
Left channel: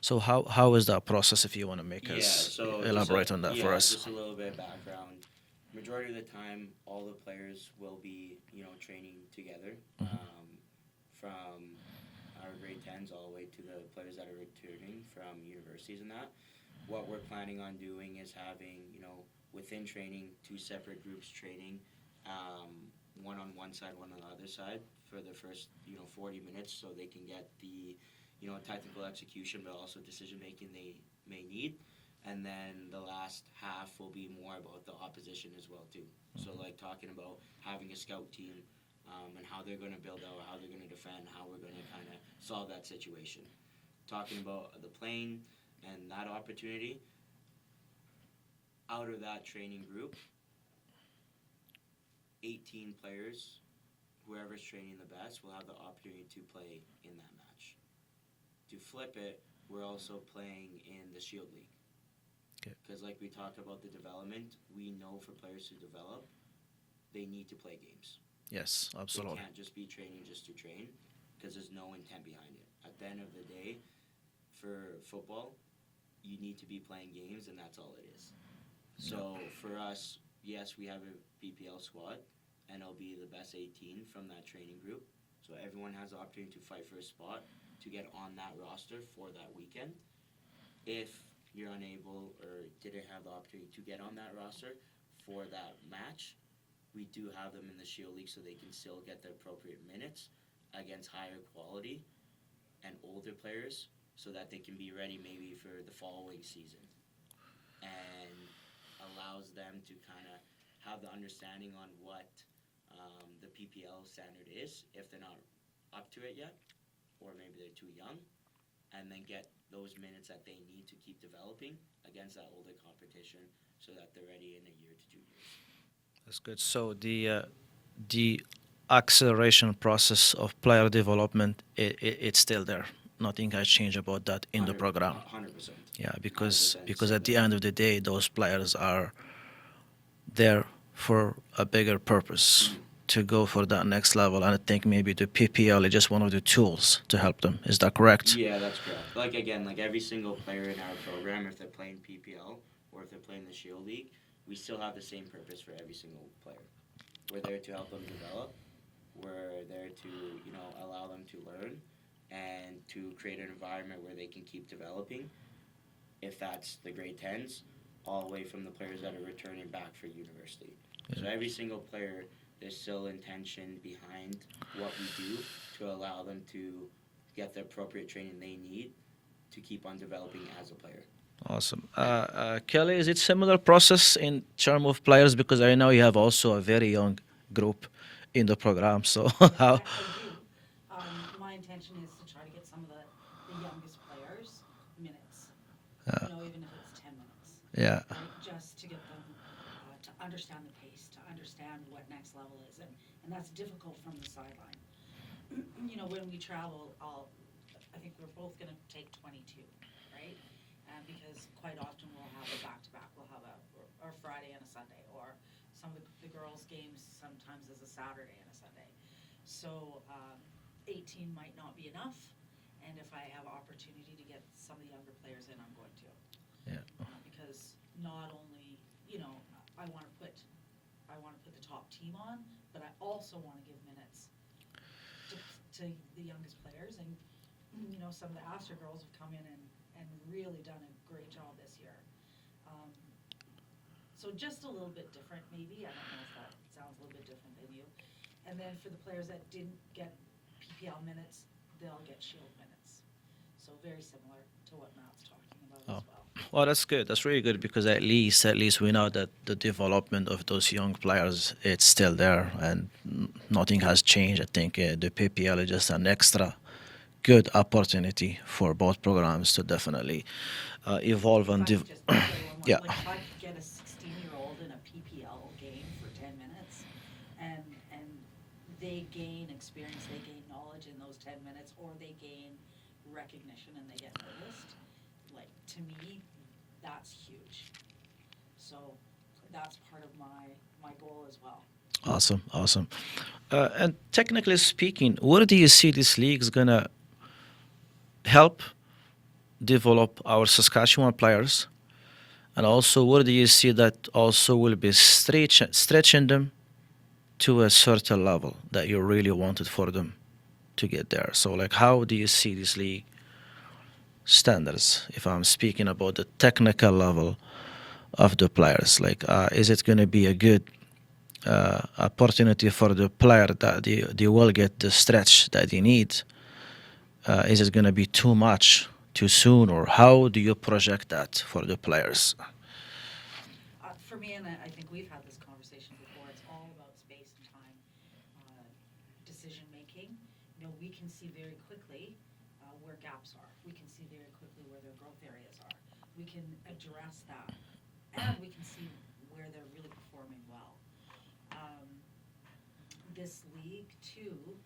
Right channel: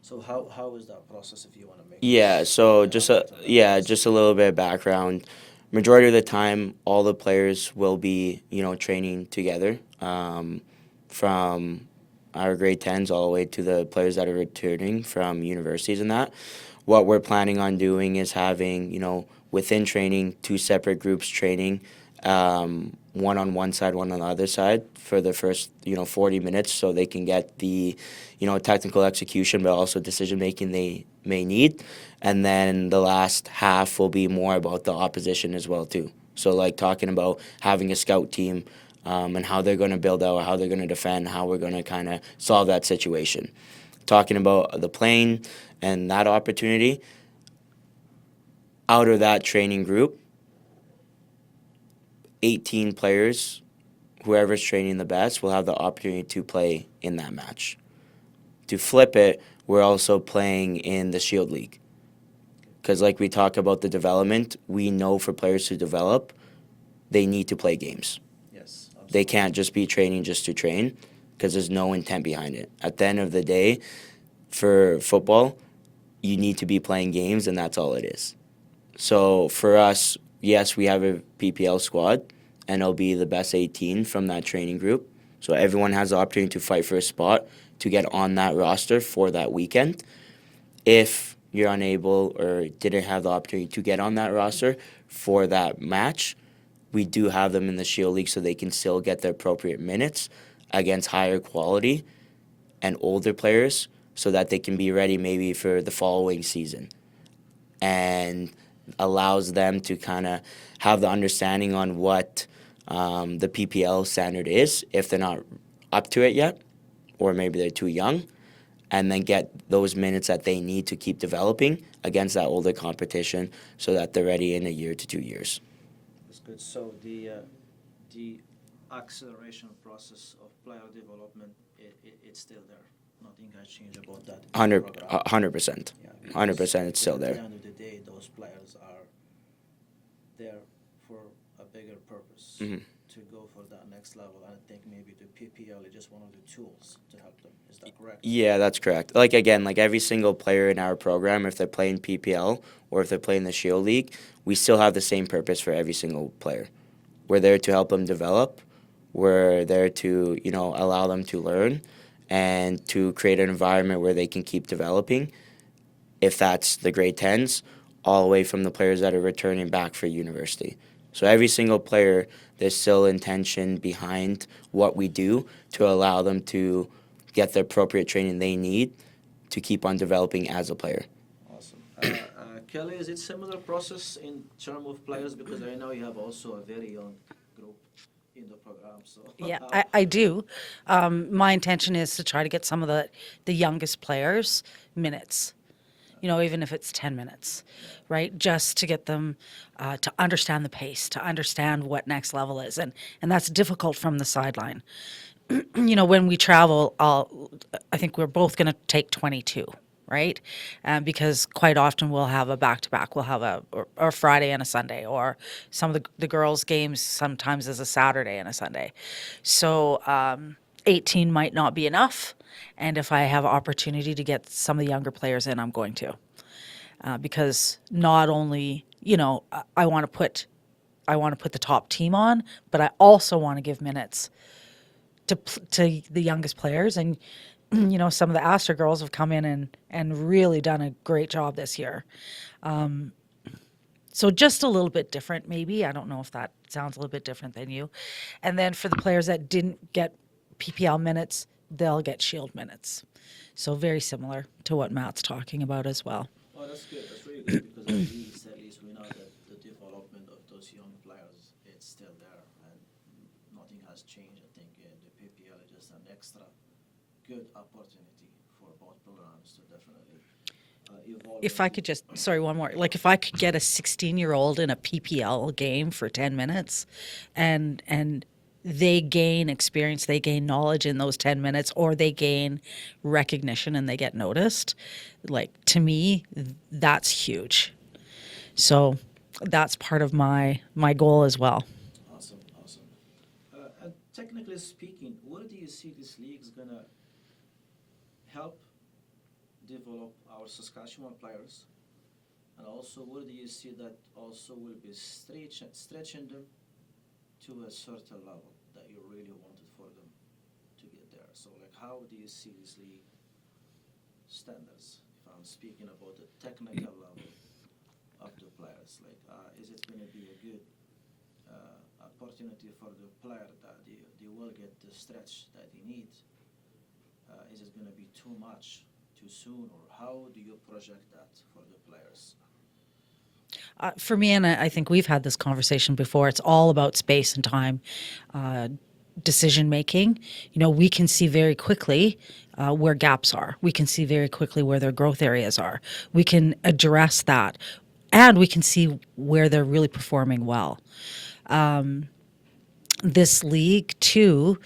So how is that process, if you want to make Yeah, us so elaborate on that for us? just a little bit of background. majority of the time, all the players will be, training together, from our grade 10s all the way to the players that are returning from universities and that. What we're planning on doing is having, within training, two separate groups training, one on one side, one on the other side for the first, 40 minutes so they can get the, technical execution but also decision making they may need. And then the last half will be more about the opposition as well too. So like talking about having a scout team, and how they're going to build out, how they're going to defend, how we're going to kind of solve that situation. Talking about the playing and that opportunity, out of that training group, 18 players, whoever's training the best, will have the opportunity to play in that match. To flip it, we're also playing in the Shield League. Because like we talk about the development, we know for players to develop, they need to play games. Yes, absolutely. They can't just be training just to train because there's no intent behind it. At the end of the day, for football, you need to be playing games, and that's all it is. So for us, yes, we have a PPL squad, and it'll be the best 18 from that training group. So everyone has the opportunity to fight for a spot to get on that roster for that weekend. If you're unable or didn't have the opportunity to get on that roster for that match, we do have them in the Shield League so they can still get the appropriate minutes against higher quality and older players so that they can be ready maybe for the following season. And allows them to kind of have the understanding on what the PPL standard is if they're not up to it yet or maybe they're too young, and then get those minutes that they need to keep developing against that older competition so that they're ready in a year to 2 years. That's good. So the acceleration process of player development, it's still there. Nothing has changed about that in the program. 100%. Yeah, 100% because at the end of the day, those players are there for a bigger purpose, to go for that next level. And I think maybe the PPL is just one of the tools to help them. Is that correct? Yeah, that's correct. Like again, like every single player in our program, if they're playing PPL or if they're playing the Shield League, we still have the same purpose for every single player. We're there to help them develop. We're there to, allow them to learn and to create an environment where they can keep developing, if that's the grade 10s, all the way from the players that are returning back for university. So every single player, there's still intention behind what we do to allow them to get the appropriate training they need to keep on developing as a player. Awesome. Kelly, is it similar process in terms of players? Because I know you have also a very young group in the program. So Yeah, I do. My intention is to try to get some of the youngest players minutes, even if it's 10 minutes. Yeah. Right? Just to get them to understand the pace, to understand what next level is. And that's difficult from the sideline. When we travel, I think we're both going to take 22. Right? Because quite often we'll have a back-to-back. We'll have or Friday and a Sunday, or some of the girls' games sometimes is a Saturday and a Sunday. So 18 might not be enough, and if I have opportunity to get some of the younger players in, I'm going to. Because not only, I want to put the top team on, but I also want to give minutes to the youngest players. And some of the ASTRA girls have come in and really done a great job this year. So just a little bit different, maybe. I don't know if that sounds a little bit different than you. And then for the players that didn't get PPL minutes, they'll get Shield minutes. So very similar to what Matt's talking about as well. Well, that's good. That's really good because at least we know that the development of those young players, it's still there and nothing has changed. I think the PPL is just an extra good opportunity for both programs to definitely evolve. If I could just, sorry, one more. Yeah. Like if I could get a 16-year-old in a PPL game for 10 minutes and they gain experience, they gain knowledge in those 10 minutes, or they gain recognition and they get noticed, like to me, that's huge. So that's part of my goal as well. Awesome. And technically speaking, where do you see this league is going to help develop our Saskatchewan players And also, where do you see that also will be stretching them to a certain level that you really wanted for them to get there? So, like, how do you see this league standards? If I'm speaking about the technical level of the players, like, is it going to be a good opportunity for the player that they will get the stretch that they need? Is it going to be too much too soon, or how do you project that for the players? For me, and I think we've had this conversation before, it's all about space and time, decision making. You know, we can see very quickly where gaps are. We can see very quickly where their growth areas are. We can address that, and we can see where they're really performing well. This league, too,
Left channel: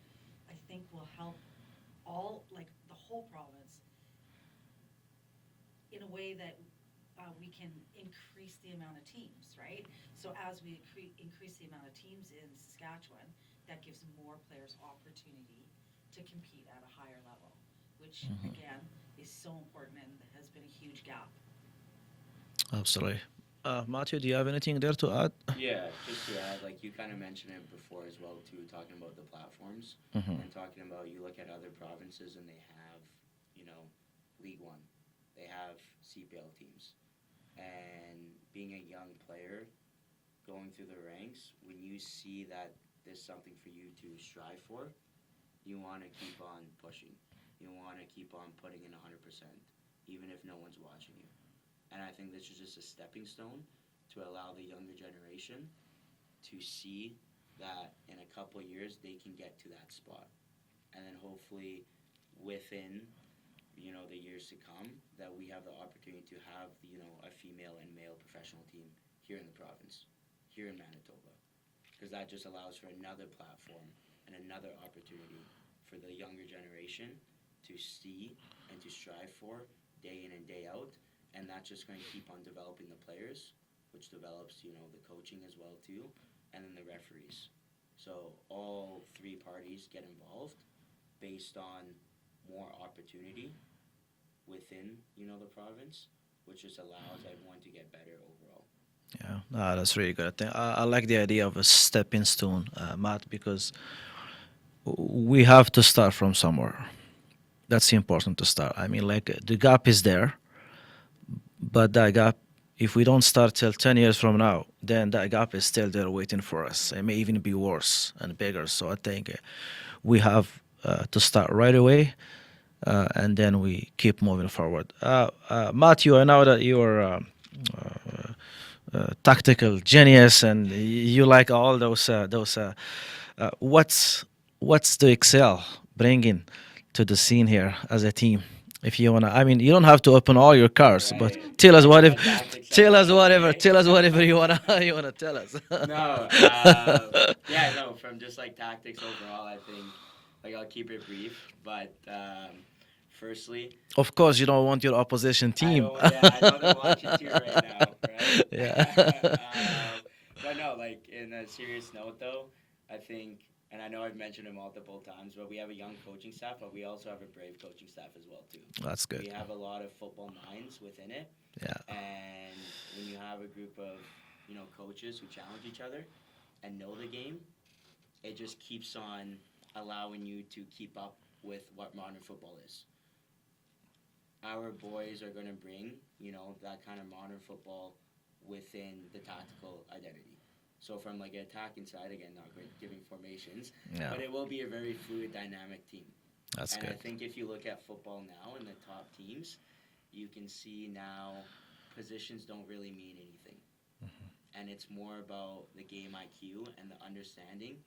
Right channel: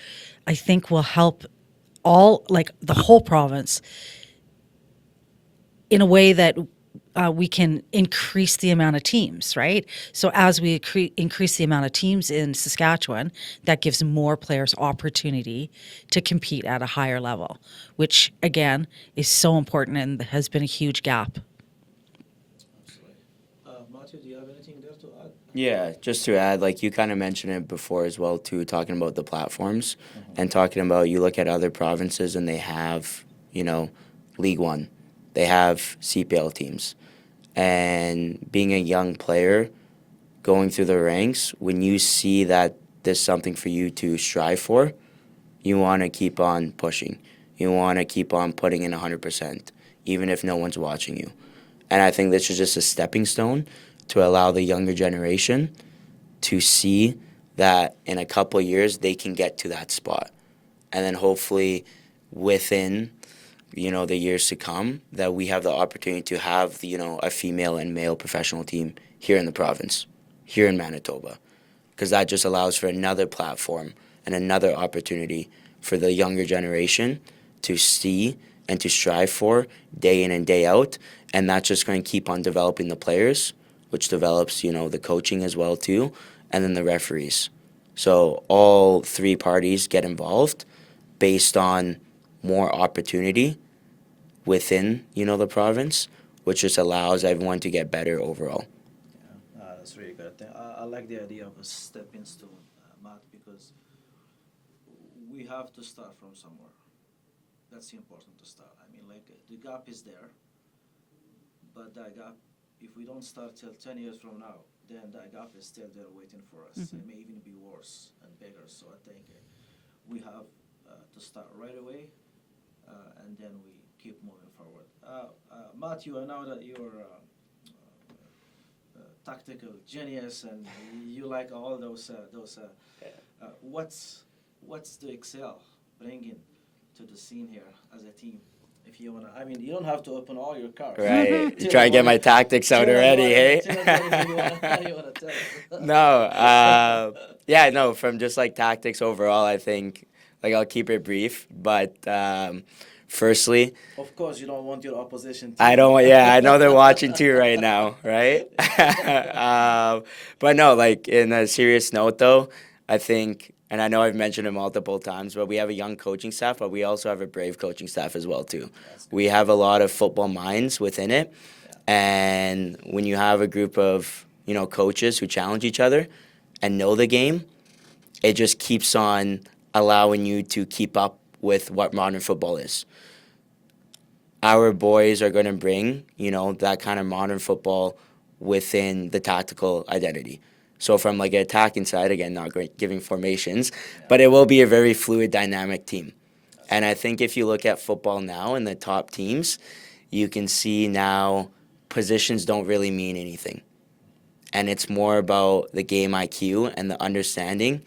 I think will help the whole province in a way that we can increase the amount of teams, right? So as we increase the amount of teams in Saskatchewan, that gives more players opportunity to compete at a higher level, which again is so important and has been a huge gap. Absolutely. Matthew, do you have anything there to add? Yeah, just to add, like you kind of mentioned it before as well too, talking about the platforms and talking about you look at other provinces and they have, you know, League One, they have CPL teams, and being a young player going through the ranks, when you see that there's something for you to strive for, you want to keep on pushing. You want to keep on putting in 100%, even if no one's watching you. And I think this is just a stepping stone to allow the younger generation to see that in a couple of years they can get to that spot. And then hopefully within, you know, the years to come, that we have the opportunity to have, you know, a female and male professional team here in the province, here in Manitoba. Because that just allows for another platform and another opportunity for the younger generation to see and to strive for day in and day out. And that's just going to keep on developing the players, which develops, you know, the coaching as well too, and then the referees. So all three parties get involved based on more opportunity within, you know, the province, which just allows everyone to get better overall. Yeah, that's really good. I like the idea of a stepping stone, Matt, because we have to start from somewhere. That's important to start. I mean, like, the gap is there, but that gap, if we don't start till 10 years from now, then that gap is still there waiting for us. It may even be worse and bigger. So I think we have to start right away, and then we keep moving forward. Matthew, I know that you're tactical genius and you like all those. What's the Excel bringing to the scene here as a team? If you wanna, I mean, you don't have to open all your cards. But Right. tell Try us to what get my if, tactics out tell us already, whatever. eh? Tell us whatever you wanna tell us. No, yeah, no, from just like tactics overall, I think, like I'll keep it brief, but firstly, Of course, you don't want your opposition team. I don't, yeah, I know they're watching too right now, right? But no, like in a serious note though, I think, and I know I've mentioned it multiple times, but we have a young coaching staff, but we also have a brave coaching staff as well too. That's good. We have a lot of football minds within it, Yeah. and when you have a group of, you know, coaches who challenge each other and know the game, it just keeps on allowing you to keep up with what modern football is. Our boys are going to bring, you know, that kind of modern football within the tactical identity. So from like an attacking side, again, not giving formations, Yeah. but it will be a very fluid, dynamic team. That's And good. I think if you look at football now in the top teams, you can see now positions don't really mean anything. And it's more about the game IQ and the understanding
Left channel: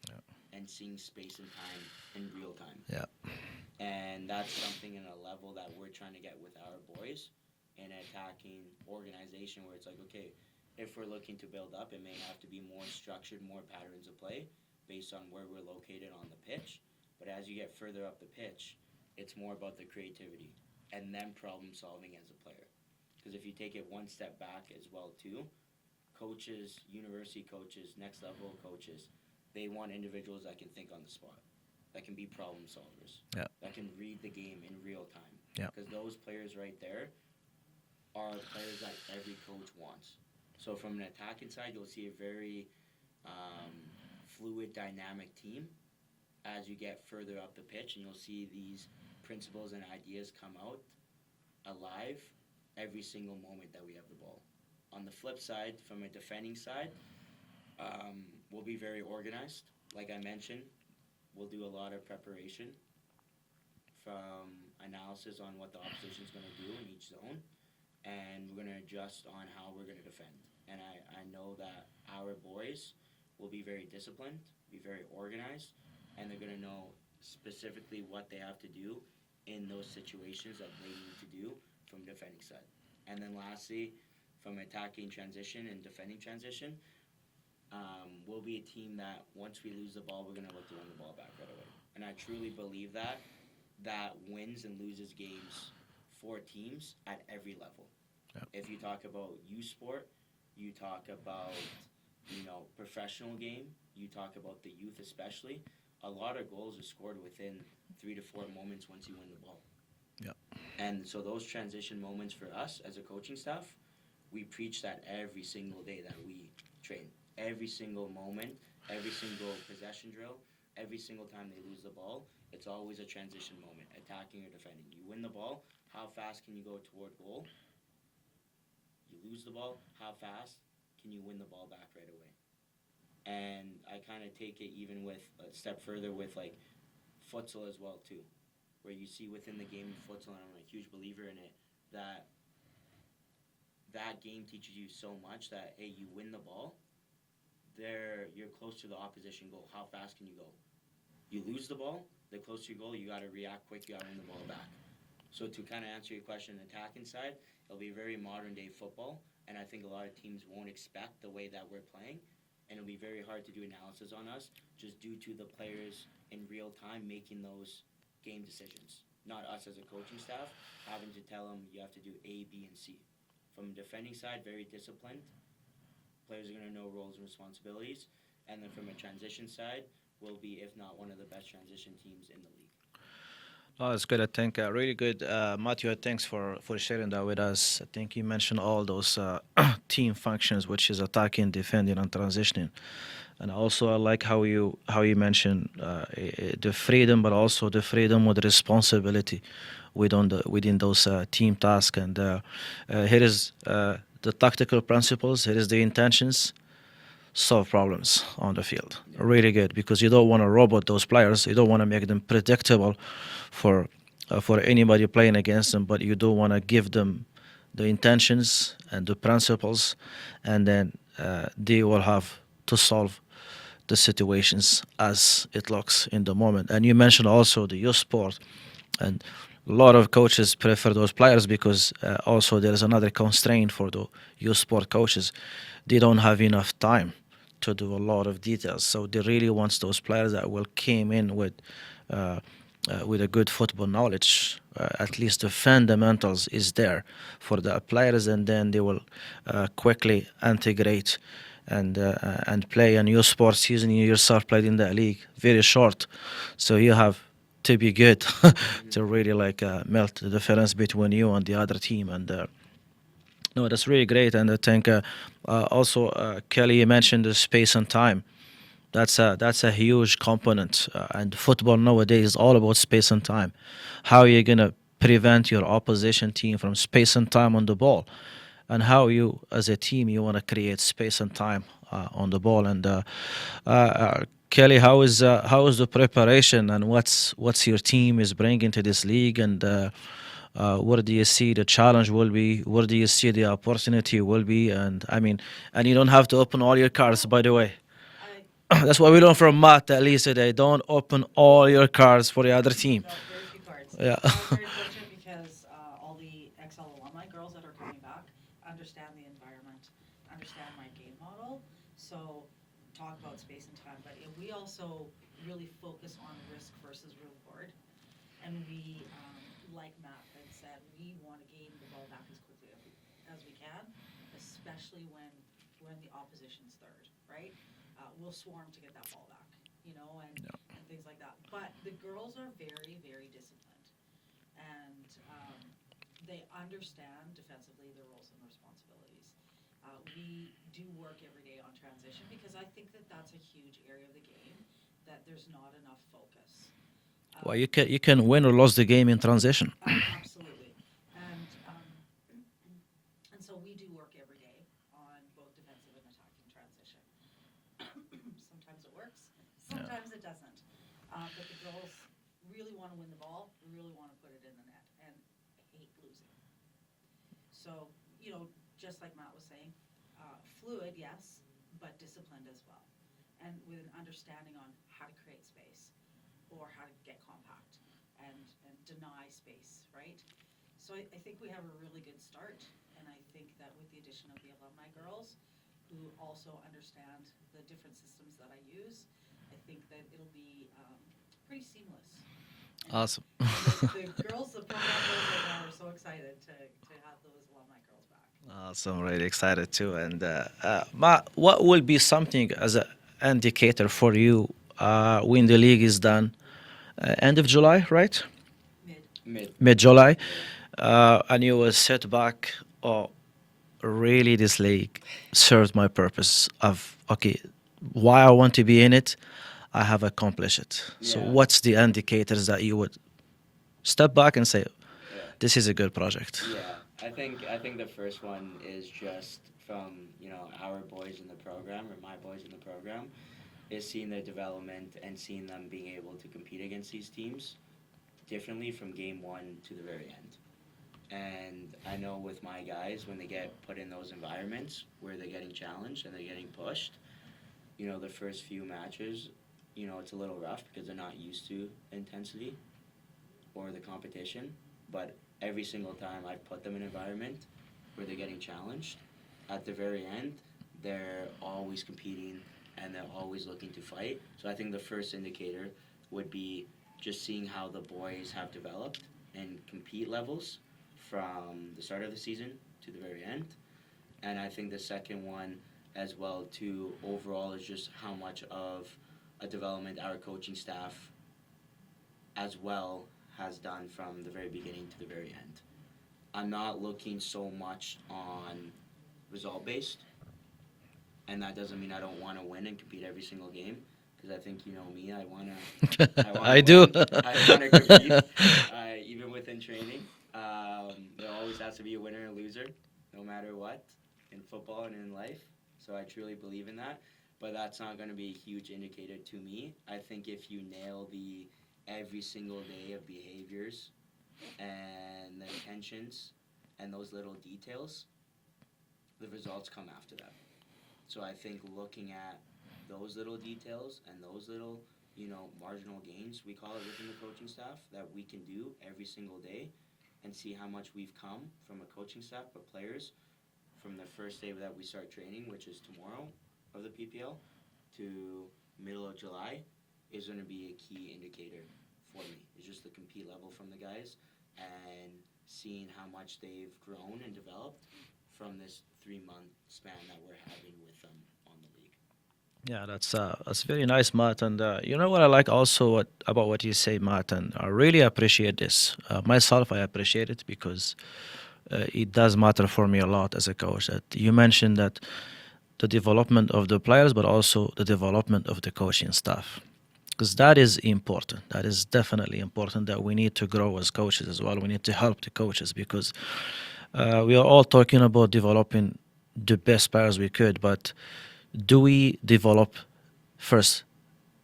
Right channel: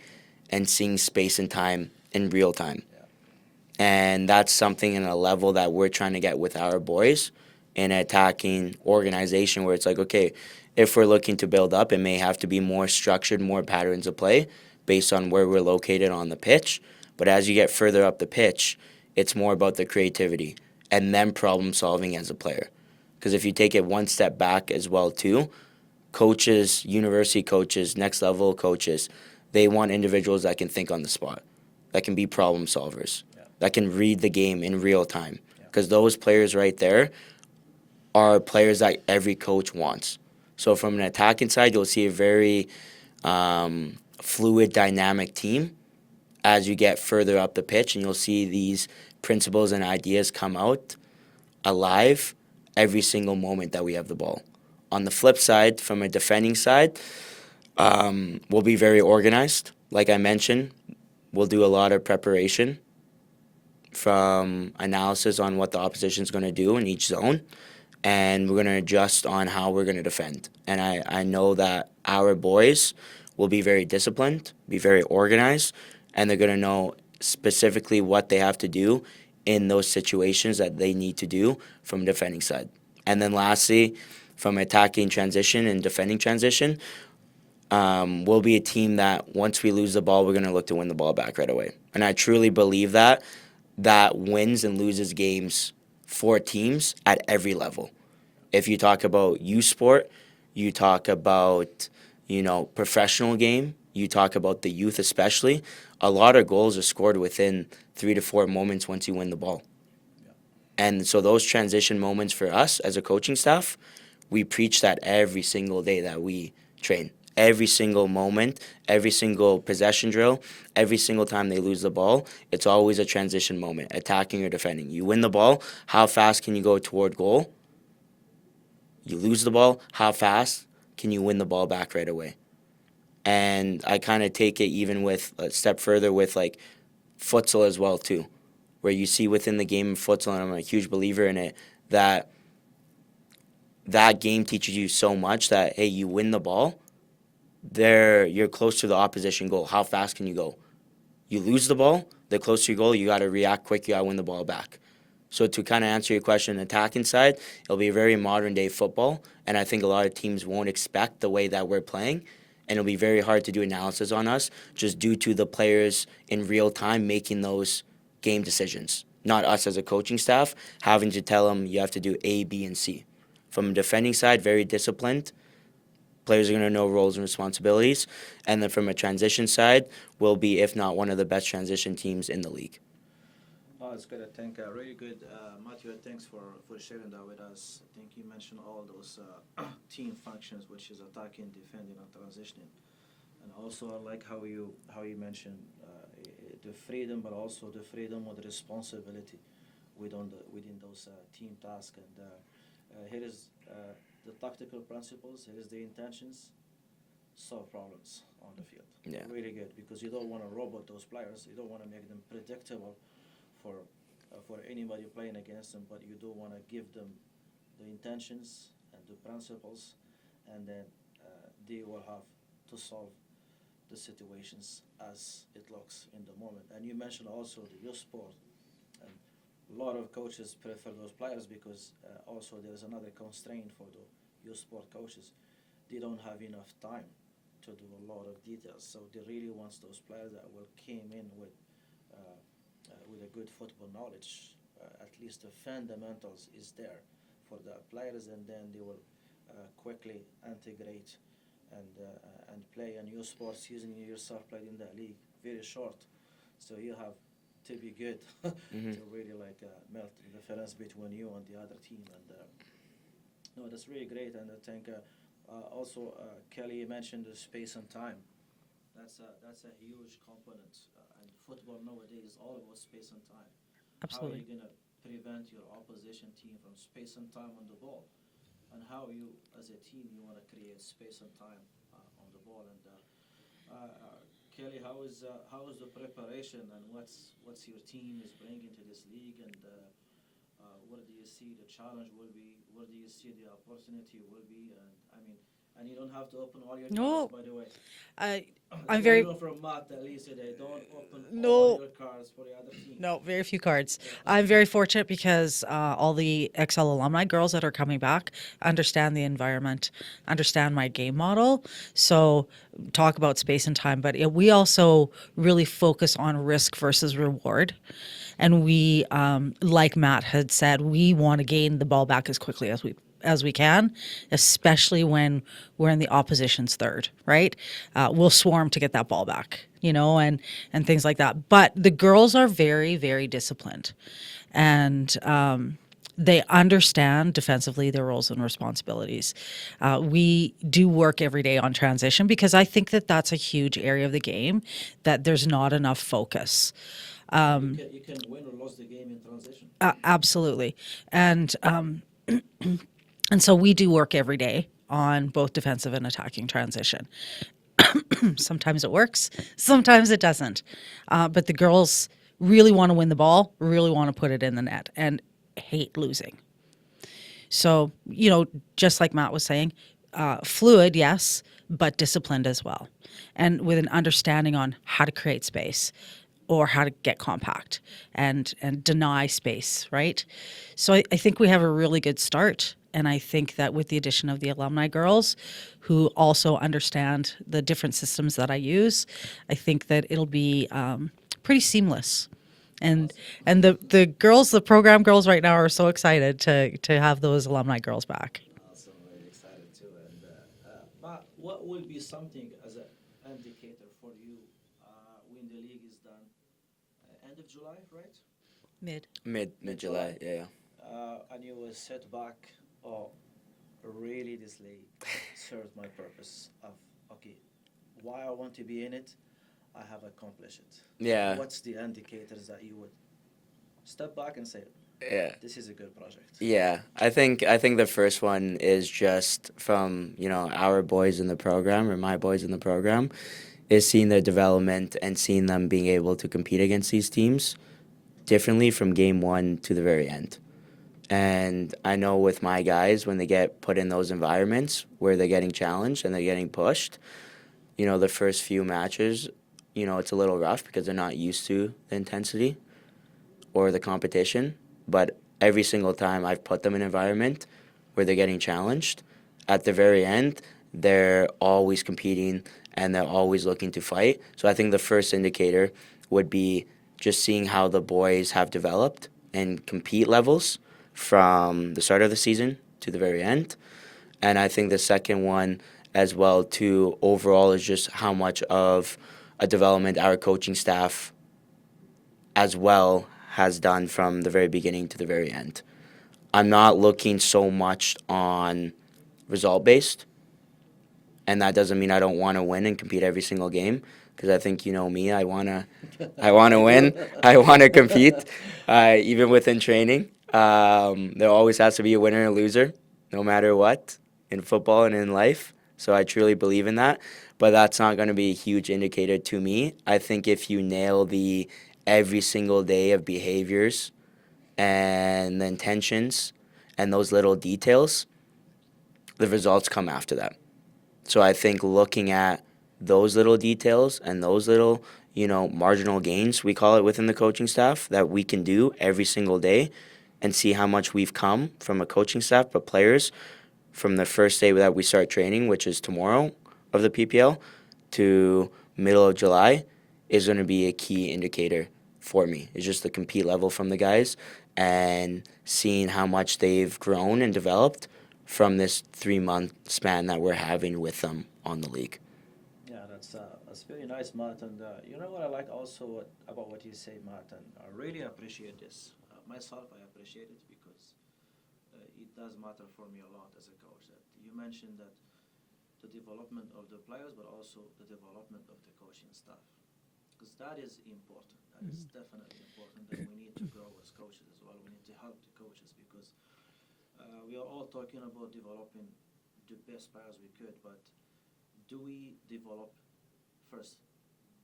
and seeing space and time in real time. Yeah. And that's something in a level that we're trying to get with our boys in an attacking organization where it's like, okay, if we're looking to build up, it may have to be more structured, more patterns of play based on where we're located on the pitch. But as you get further up the pitch, it's more about the creativity and then problem solving as a player. Because if you take it one step back as well too, coaches, university coaches, next level coaches, they want individuals that can think on the spot, that can be problem solvers, Yeah. that can read the game in real time. Yeah. Because those players right there are players that every coach wants. So from an attacking side, you'll see a very fluid, dynamic team as you get further up the pitch, and you'll see these principles and ideas come out alive every single moment that we have the ball. On the flip side, from a defending side, we'll be very organized. Like I mentioned, we'll do a lot of preparation from analysis on what the opposition's going to do in each zone, and we're going to adjust on how we're going to defend. And I know that our boys will be very disciplined, be very organized, and they're going to know specifically what they have to do in those situations that they need to do from defending side. And then lastly, from attacking transition and defending transition, we'll be a team that once we lose the ball, we're going to look to win the ball back right away. And I truly believe that wins and loses games for teams at every level. Yeah. If you talk about youth sport, you talk about, professional game, you talk about the youth especially, a lot of goals are scored within 3 to 4 moments once you win the ball. Yeah. And so those transition moments for us as a coaching staff, we preach that every single day that we train. Every single moment, every single possession drill, every single time they lose the ball, it's always a transition moment, attacking or defending. You win the ball, how fast can you go toward goal? You lose the ball, how fast can you win the ball back right away? And I kind of take it even with a step further with like futsal as well too, where you see within the game of futsal, and I'm a huge believer in it, that game teaches you so much that, hey, you win the ball, you're close to the opposition goal. How fast can you go? You lose the ball, the closer to your goal, you got to react quick, you got to win the ball back. So to kind of answer your question, attacking side, it'll be a very modern day football, and I think a lot of teams won't expect the way that we're playing, and it'll be very hard to do analysis on us just due to the players in real time making those game decisions. Not us as a coaching staff having to tell them you have to do A, B, and C. From a defending side, very disciplined. Players are going to know roles and responsibilities. And then from a transition side, we'll be, if not one of the best transition teams in the league. Oh, it's good. I think really good. Matthew, thanks for sharing that with us. I think you mentioned all those team functions, which is attacking, defending, and transitioning. And also, I like how you mentioned the freedom, but also the freedom with responsibility within those team tasks. And here is the tactical principles. Here is the intentions. Solve problems on the field. Yeah. Really good, because you don't want to robot those players. You don't want to make them predictable for anybody playing against them, but you do want to give them the intentions and the principles, and then they will have to solve the situations as it looks in the moment. And you mentioned also the youth sport, and a lot of coaches prefer those players because also there is another constraint for the youth sport coaches. They don't have enough time to do a lot of details, so they really want those players that will came in with a good football knowledge. At least the fundamentals is there for the players, and then they will quickly integrate and play. And your sports season, you yourself played in that league, very short, so you have to be good to really melt the difference between you and the other team. And no, that's really great. And I think also Kelly, you mentioned the space and time. That's a huge component, and football nowadays is all about space and time. How are you gonna prevent your opposition team from space and time on the ball, and how you as a team you want to create space and time on the ball. And Kelly, how is the preparation, and what's your team is bringing to this league, and where do you see the challenge will be? Where do you see the opportunity will be? And I mean, and you don't have to open all your cards, by the way. That's what we learned from Matt, at least today. Don't open all your cards for the other team. No, very few cards. Yeah. I'm very fortunate because all the XL alumni girls that are coming back understand the environment, understand my game model. So talk about space and time, but we also really focus on risk versus reward. And we, like Matt had said, we want to gain the ball back as quickly as we can, especially when we're in the opposition's third, right? We'll swarm to get that ball back, and things like that. But the girls are very, very disciplined. And they understand defensively their roles and responsibilities. We do work every day on transition because I think that that's a huge area of the game that there's not enough focus. You can win or lose the game in transition. Absolutely. And so we do work every day on both defensive and attacking transition. Sometimes it works, sometimes it doesn't. But the girls really want to win the ball, really want to put it in the net, and hate losing. So, just like Matt was saying, fluid, yes, but disciplined as well. And with an understanding on how to create space or how to get compact and deny space, right? So I think we have a really good start. And I think that with the addition of the alumni girls who also understand the different systems that I use, I think that it'll be pretty seamless. And Awesome. and the girls, the program girls right now are so excited to have those alumni girls back. So I'm really excited too. And what will be something as an indicator for you when the league is done? End of July, right? Mid-July. And you will sit back, oh, really this league served my purpose of, okay, why I want to be in it, I have accomplished it. Yeah. So what's the indicators that you would step back and say, Yeah. this is a good project? Yeah, I think the first one is just from our boys in the program or my boys in the program, is seeing their development and seeing them being able to compete against these teams differently from game one to the very end. And I know with my guys, when they get put in those environments where they're getting challenged and they're getting pushed, the first few matches, it's a little rough because they're not used to the intensity or the competition. But every single time I've put them in an environment where they're getting challenged, at the very end, they're always competing and they're always looking to fight. So I think the first indicator would be just seeing how the boys have developed and compete levels from the start of the season to the very end. And I think the second one as well too overall is just how much of a development our coaching staff as well has done from the very beginning to the very end. I'm not looking so much on result based, and that doesn't mean I don't want to win and compete every single game, because I think me, I want to win. I want to compete, even within training. There always has to be a winner and a loser, no matter what, in football and in life. So I truly believe in that. But that's not going to be a huge indicator to me. I think if you nail the every single day of behaviors and the intentions and those little details, the results come after that. So I think looking at those little details and those little, marginal gains, we call it within the coaching staff, that we can do every single day and see how much we've come from a coaching staff, but players from the first day that we start training, which is tomorrow of the PPL, to middle of July, is going to be a key indicator for me. It's just the compete level from the guys and seeing how much they've grown and developed from this 3-month span that we're having with them on the league. Yeah, that's very nice, Matt. And you know what I like also about what you say, Matt, and I really appreciate this. Myself, I appreciate it because it does matter for me a lot as a coach. That you mentioned that the development of the players, but also the development of the coaching staff, because that is important. That is definitely important. That we need to grow as coaches as well. We need to help the coaches because we are all talking about developing the best players we could, but do we develop first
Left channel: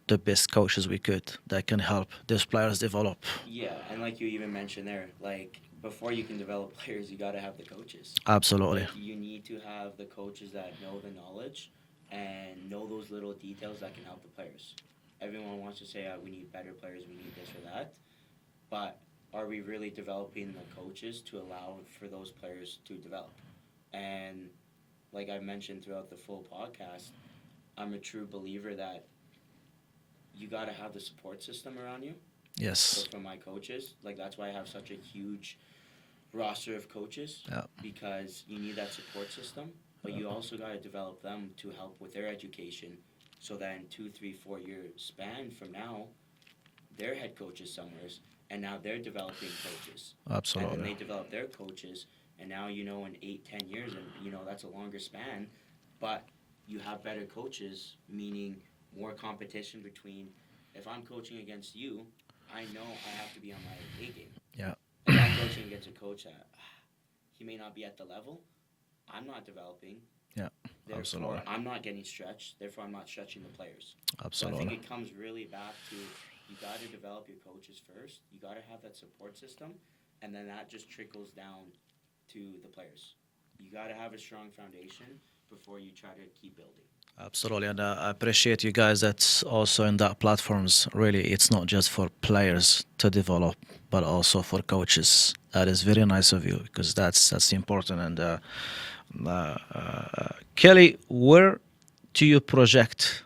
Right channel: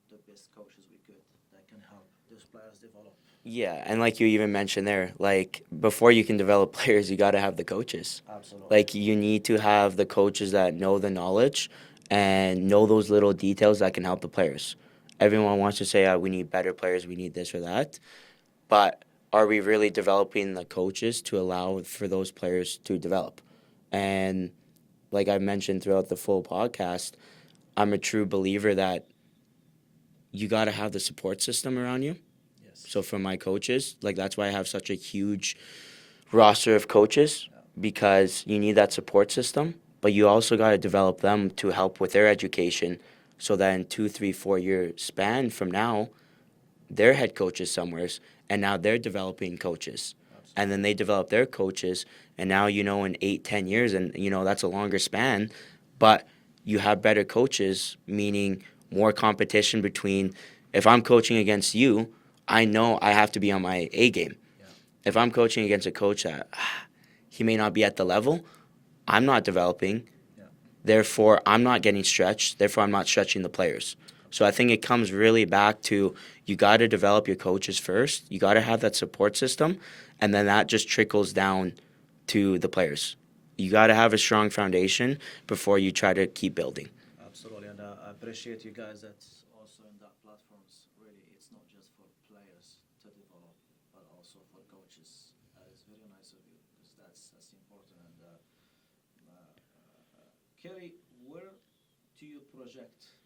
the best coaches we could that can help these players develop? Yeah, and like you even mentioned there, like before you can develop players, you got to have the coaches. Absolutely. Like you need to have the coaches that know the knowledge and know those little details that can help the players. Everyone wants to say, we need better players, we need this or that. But are we really developing the coaches to allow for those players to develop? And like I mentioned throughout the full podcast, I'm a true believer that you got to have the support system around you. Yes. So for my coaches, like that's why I have such a huge roster of coaches, because you need that support system, but you also got to develop them to help with their education so that in 2, 3, 4 year span from now, they're head coaches somewhere and now they're developing coaches. And Absolutely. then they develop their coaches, and now, in 8-10 years, and that's a longer span, but you have better coaches, meaning more competition between. If I'm coaching against you, I know I have to be on my A game. Yeah. If I'm coaching against a coach that he may not be at the level, I'm not developing. Yeah. Therefore, I'm not getting stretched. Therefore, I'm not stretching the players. So I think it comes really back to, you got to develop your coaches first. You got to have that support system, and then that just trickles down to the players. You got to have a strong foundation before you try to keep building. Absolutely, and I appreciate you guys that's also in that platforms. Really, it's not just for players to develop, but also for coaches. That is very nice of you, because that's important. And Kelly, where do you project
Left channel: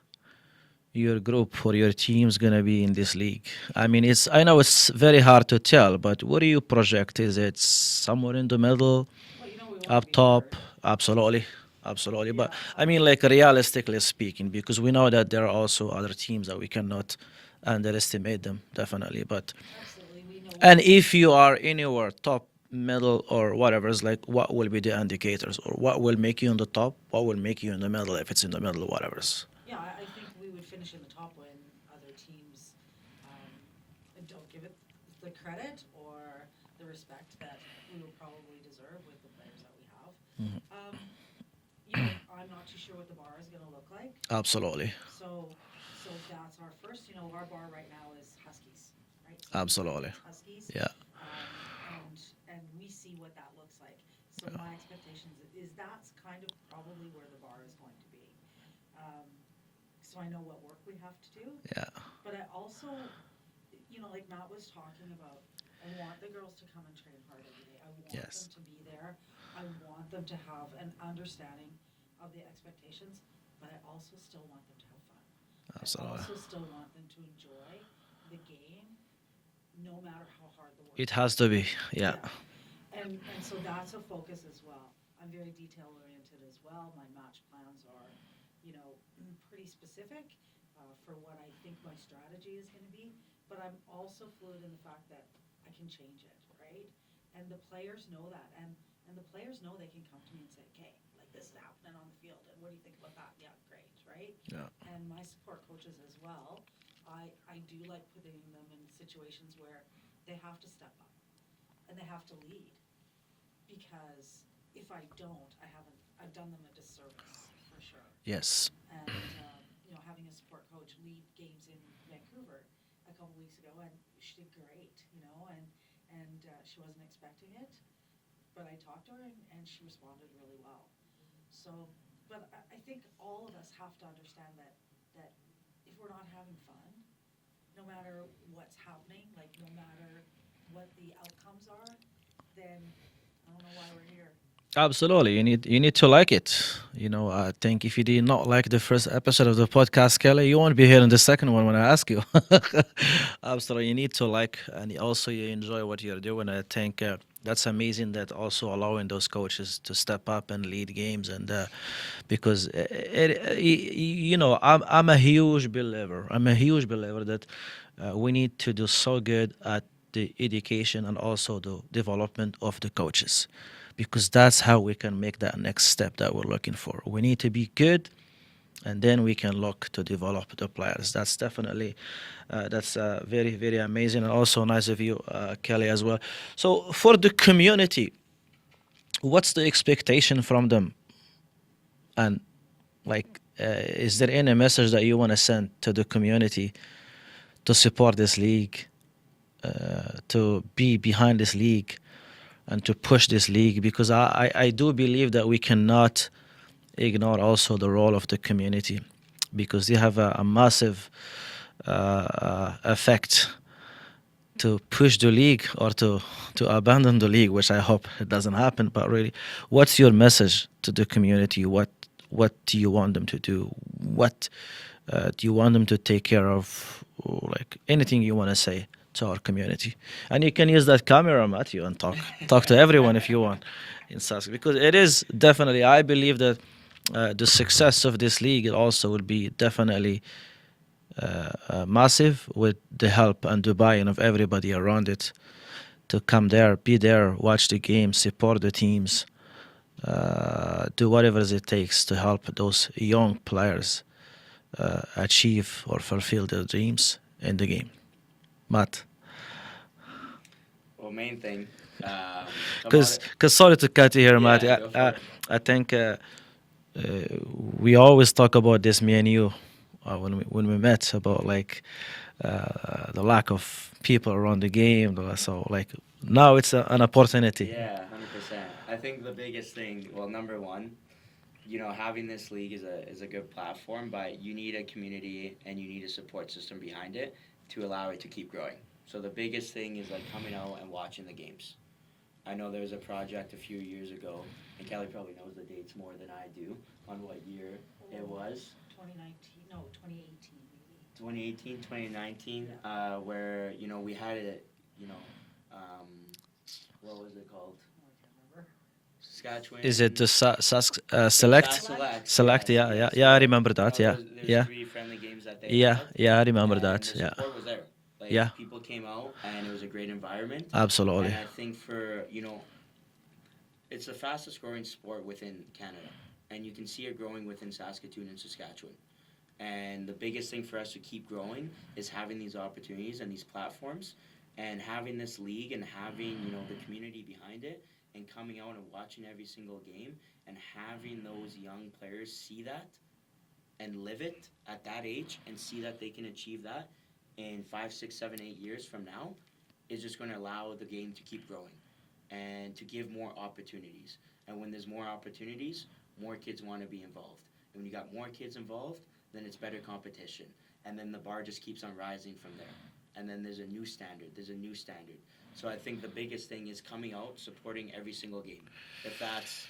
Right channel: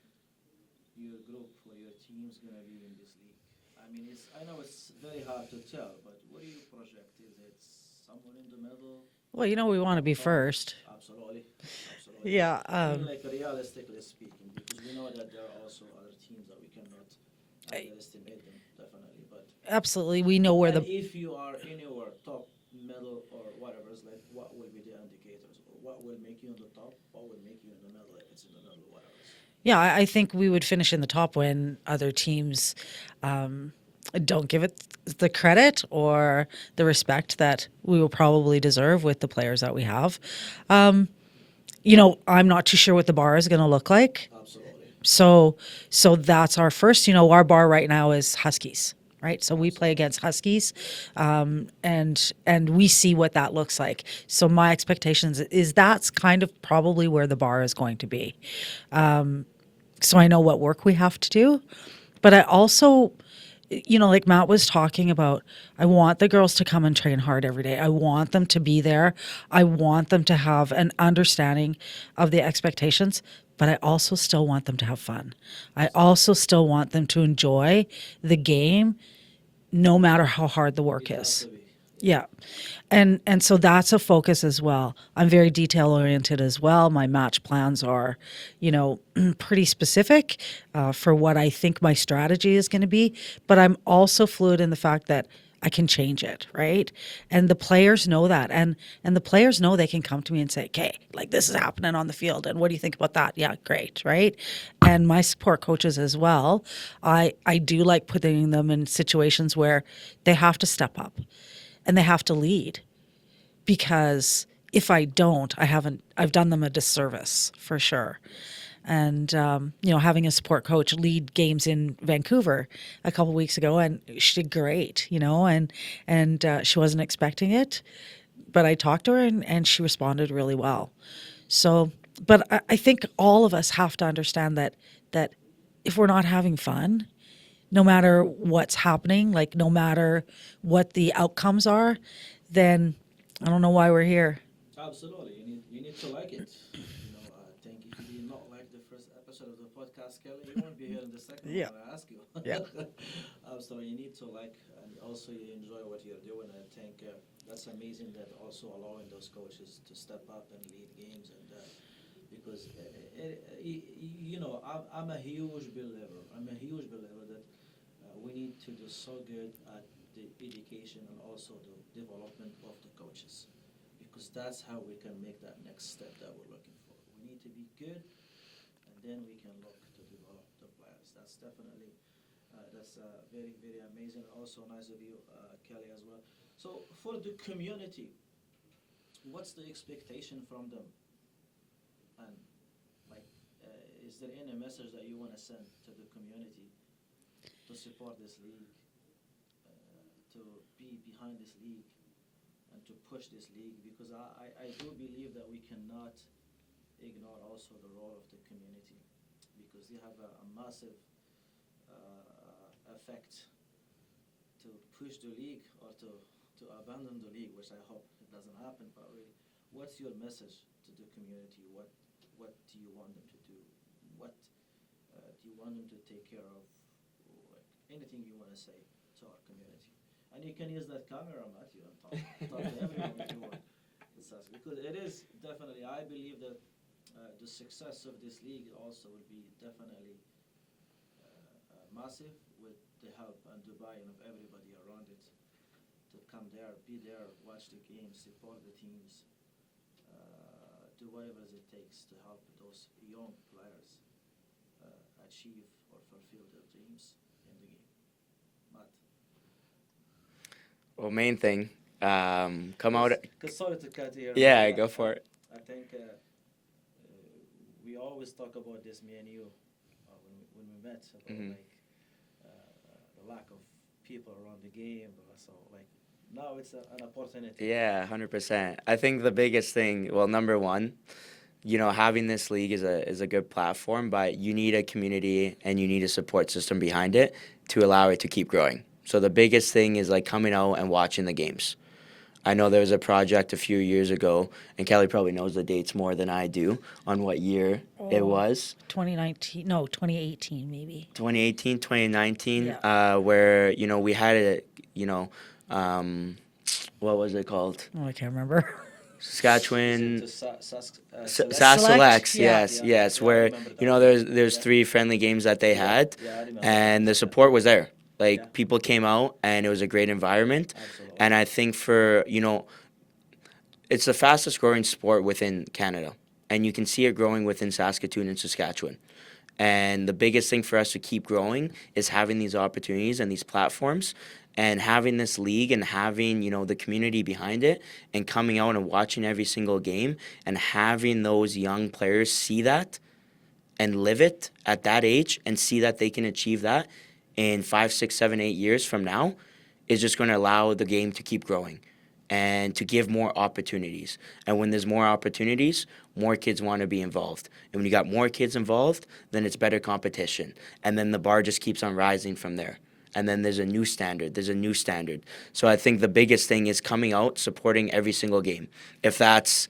your group or your team's gonna be in this league? I mean, I know it's very hard to tell, but what do you project? Is it somewhere in the middle? Well, we want to Up be top? first. Absolutely. Absolutely. Yeah, But I mean, like, realistically speaking, because we know that there are also other teams that we cannot underestimate them, definitely. But Absolutely, we know where. and if you are anywhere top, middle, or whatever, it's like, what will be the indicators, or what will make you in the top, what will make you in the middle, if it's in the middle, whatever. Yeah, I think we would finish in the top when other teams don't give it the credit or the respect that we will probably deserve with the players that we have. I'm not too sure what the bar is going to look like. Absolutely. So that's our first. Our bar right now is Huskies, right? So we play Absolutely. against Huskies, Yeah. and we see what that looks like. So my expectations is that's kind of probably where the bar is going to be. So I know what work we have to do, but I also, like Matt was talking about, I want the girls to come and train hard every day. I want them to be there. I want them to have an understanding of the expectations, but I also still want them to have fun. I also still want them to enjoy the game, no matter how hard the work It is. has to be. Yeah. And so that's a focus as well. I'm very detail oriented as well. My match plans are, pretty specific for what I think my strategy is going to be. But I'm also fluid in the fact that I can change it, right? And the players know that. And the players know they can come to me and say, okay, like this is happening on the field. And what do you think about that? Yeah, great, right? And my support coaches as well. I do like putting them in situations where they have to step up. And they have to lead, because if I don't, I've done them a disservice for sure. Yes. And, having a support coach lead games in Vancouver a couple weeks ago, and she did great, and she wasn't expecting it, but I talked to her and she responded really well. So, but I think all of us have to understand that if we're not having fun, no matter what's happening, like no matter what the outcomes are, then I don't know why we're here. Absolutely, you need to like it. I think if you did not like the first episode of the podcast, Kelly, you won't be here in the second one when I ask you. Absolutely, you need to like, and also you enjoy what you're doing. I think that's amazing. That also allowing those coaches to step up and lead games, and because I'm a huge believer. I'm a huge believer that we need to do so good at the education and also the development of the coaches, because that's how we can make that next step that we're looking for. We need to be good, and then we can look to develop the players. That's definitely that's very, very amazing, and also nice of you, Kelly, as well. So for the community, what's the expectation from them? And like, is there any message that you want to send to the community to support this league, to be behind this league, and to push this league? Because I do believe that we cannot ignore also the role of the community, because they have a massive effect to push the league or to abandon the league, which I hope it doesn't happen. But really, what's your message to the community? What do you want them to do? What do you want them to take care of? Like, anything you want to say to our community. And you can use that camera, Matthew, and talk to everyone if you want in Sask, because it is definitely, I believe that the success of this league also will be definitely massive with the help and the buy-in of everybody around it to come there, be there, watch the game, support the teams, do whatever it takes to help those young players achieve or fulfill their dreams in the game. Matt, Well, main thing, come out. because sorry to cut you here, Yeah, Matt. go for it. I think we always talk about this, me and you, when we met, about like the lack of people around the game. So like now it's an opportunity. Yeah, 100%. I think the biggest thing, well, number one, having this league is a good platform, but you need a community and you need a support system behind it to allow it to keep growing. So the biggest thing is like coming out and watching the games. I know there was a project a few years ago, and Kelly probably knows the dates more than I do on what year it was. 2019, no, 2018 maybe. 2018, 2019, Yeah. where, we had a, what was it called? Oh, I can't remember. Saskatchewan. Is it the Select? Select? Select? Select, Yes, yeah, yes. yeah, I where, remember that, yeah. There's Yeah. 3 friendly games that they Yeah, had. yeah, I remember that, And the yeah. support was there. Like, Yeah. people came out, and it was a great environment. Absolutely. And I think it's the fastest growing sport within Canada. And you can see it growing within Saskatoon and Saskatchewan. And the biggest thing for us to keep growing is having these opportunities and these platforms and having this league and having, the community behind it and coming out and watching every single game and having those young players see that and live it at that age and see that they can achieve that in 5, 6, 7, 8 years from now is just going to allow the game to keep growing and to give more opportunities. And when there's more opportunities, more kids want to be involved. And when you got more kids involved, then it's better competition. And then the bar just keeps on rising from there. And then there's a new standard. So I think the biggest thing is coming out, supporting every single game. If that's,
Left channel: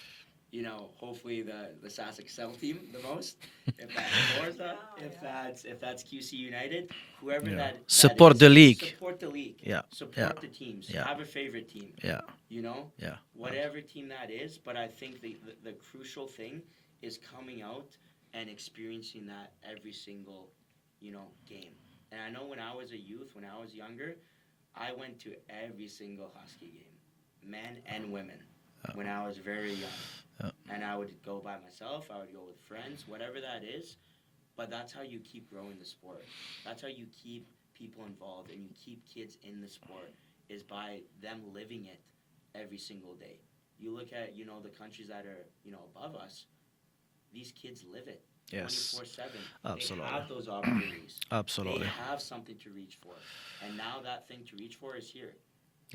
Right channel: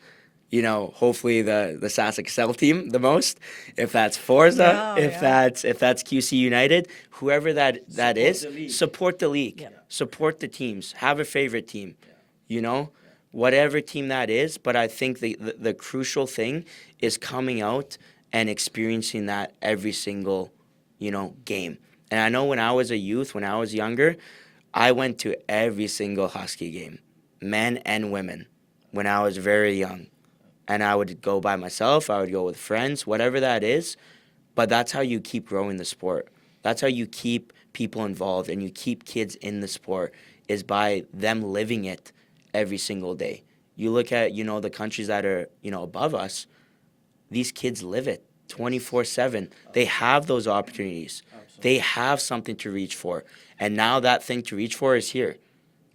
hopefully the Sask Excel team the most, if that's Forza, if that's QC United, whoever that Support is, the league. Support the league. Yeah. Support Yeah. the teams. Yeah. Have a favorite team. Yeah. Yeah. Whatever team that is. But I think the crucial thing is coming out and experiencing that every single, game. And I know when I was a youth, when I was younger, I went to every single Husky game, men and women, when I was very young. And I would go by myself, I would go with friends, whatever that is. But that's how you keep growing the sport. That's how you keep people involved and you keep kids in the sport is by them living it every single day. You look at, the countries that are, above us, these kids live it 24/7. They have those opportunities. Absolutely. They have something to reach for. And now that thing to reach for is here.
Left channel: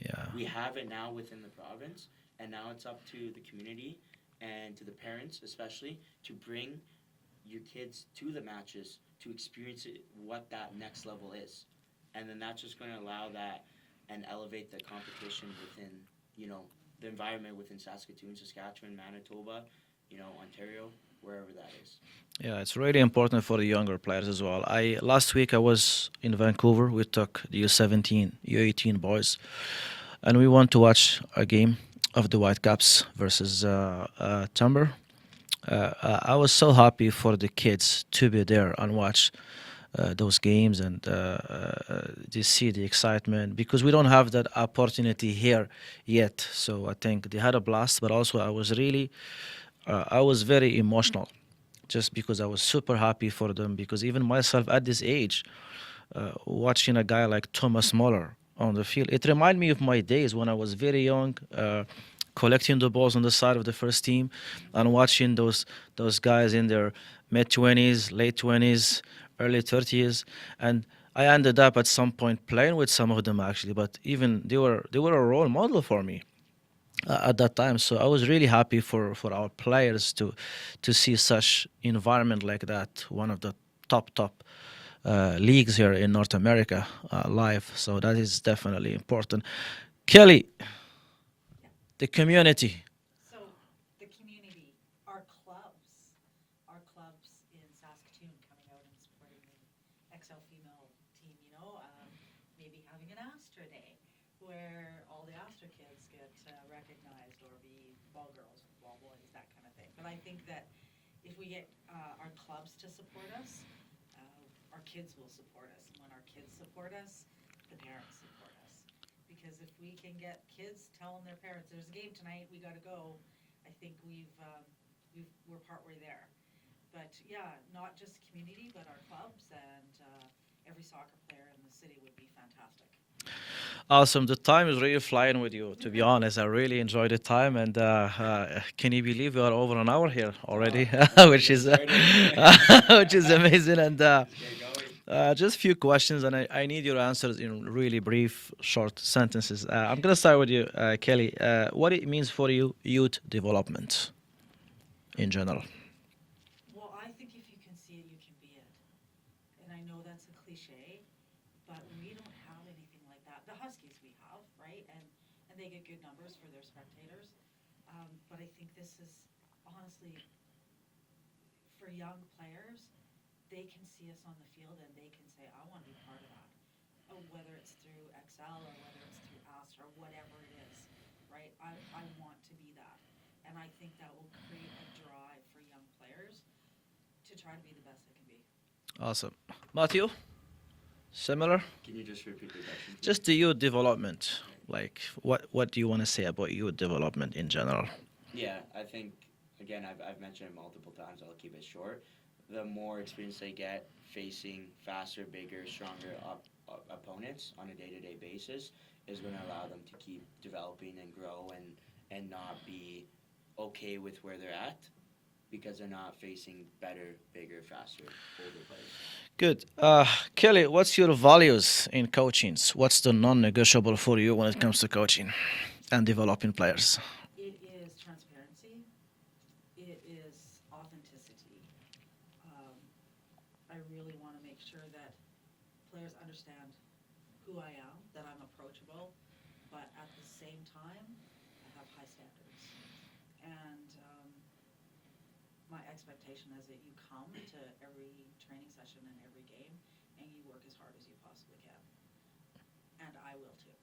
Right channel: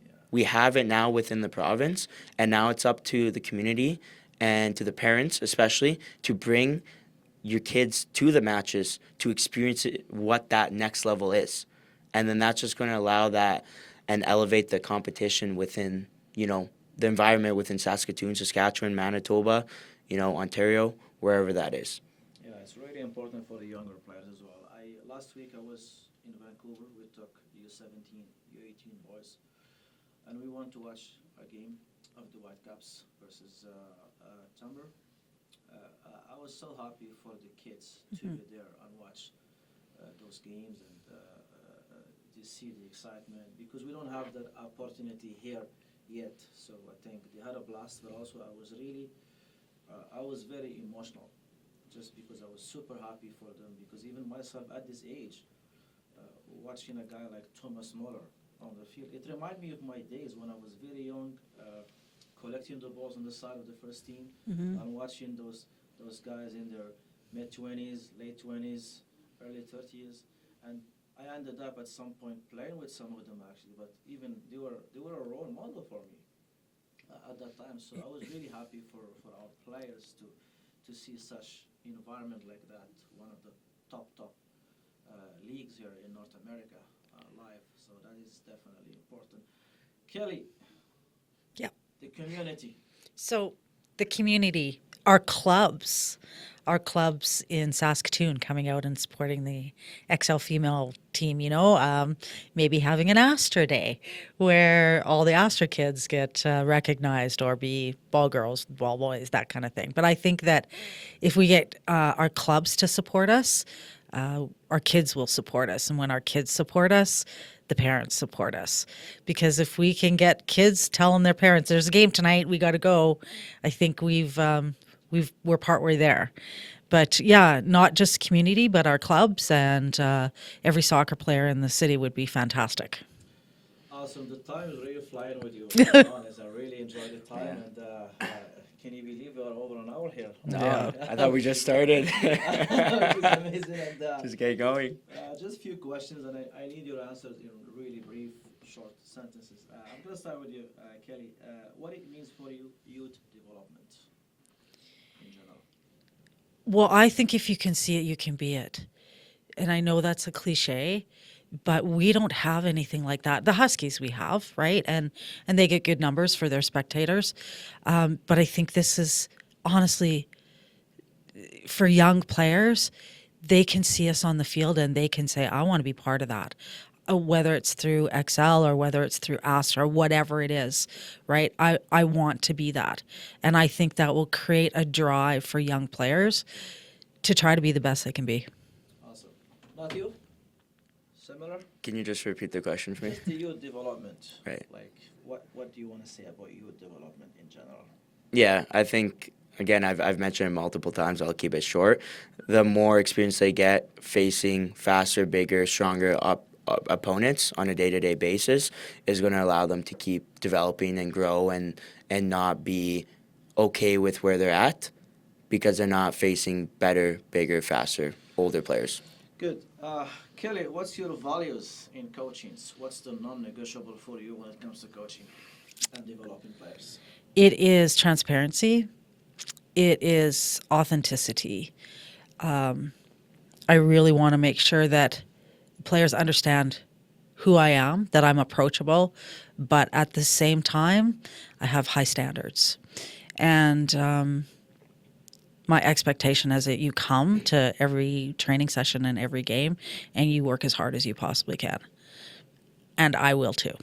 Yeah. We have it now within the province, and now it's up to the community and to the parents especially to bring your kids to the matches to experience it, what that next level is. And then that's just going to allow that and elevate the competition within, the environment within Saskatoon, Saskatchewan, Manitoba, Ontario, wherever that is. Yeah, it's really important for the younger players as well. Last week I was in Vancouver. We took the U17, U18 boys, and we went to watch a game of the Whitecaps versus Timber. I was so happy for the kids to be there and watch those games and to see the excitement because we don't have that opportunity here yet. So I think they had a blast, but also I was very emotional just because I was super happy for them because even myself at this age, watching a guy like Thomas Muller on the field, it reminded me of my days when I was very young, collecting the balls on the side of the first team and watching those guys in their mid-20s, late 20s, early 30s, and I ended up at some point playing with some of them actually, but even they were a role model for me at that time. So I was really happy for our players to see such environment like that, one of the top leagues here in North America live. So that is definitely important. Kelly, Yeah. the community. So the community, our clubs in Saskatoon coming out and supporting the XL female team, maybe having an ASTRA day where all the ASTRA kids get recognized or be ball girls, ball boys, that kind of thing. But I think that if we get our clubs to support us, our kids will support us. And when our kids support us, the parents support us. Because if we can get kids telling their parents, "There's a game tonight, we got to go," I think we're partway there. But yeah, not just community, but our clubs and every soccer player in the city would be fantastic. Awesome. The time is really flying with you, to be honest. I really enjoyed the time. And can you believe we are over an hour here already? I thought we which, just is, started. which is amazing. And Just get going. just a few questions, and I need your answers in really brief, short sentences. I'm going to start with you, Kelly. What it means for you, youth development in general? Well, I think if you can see it, you can be it. And I know that's a cliche, but we don't have anything like that. The Huskies we have, right? And they get good numbers for their spectators. But I think this is honestly for young players, they can see us on the field and they can say, "I want to be part of that." Whether it's through XL or whether it's through ASTRA, whatever it is, right? I want to be that. And I think that will create a drive for young players to try to be the best they can be. Awesome. Matthew, similar? Can you just repeat the question for me? Just the youth development. Right. Like, what do you want to say about youth development in general? Yeah, I think again I've mentioned it multiple times. I'll keep it short. The more experience they get facing faster, bigger, stronger opponents on a day-to-day basis is going to allow them to keep developing and grow and not be okay with where they're at because they're not facing better, bigger, faster, older players. Good. Kelly, what's your values in coaching? What's the non-negotiable for you when it comes to coaching and developing players? It is transparency. It is authenticity. I really want to make sure that players understand who I am, that I'm approachable, but at the same time, I have high standards. And my expectation is that you come to every training session and every game and you work as hard as you possibly can. And I will too.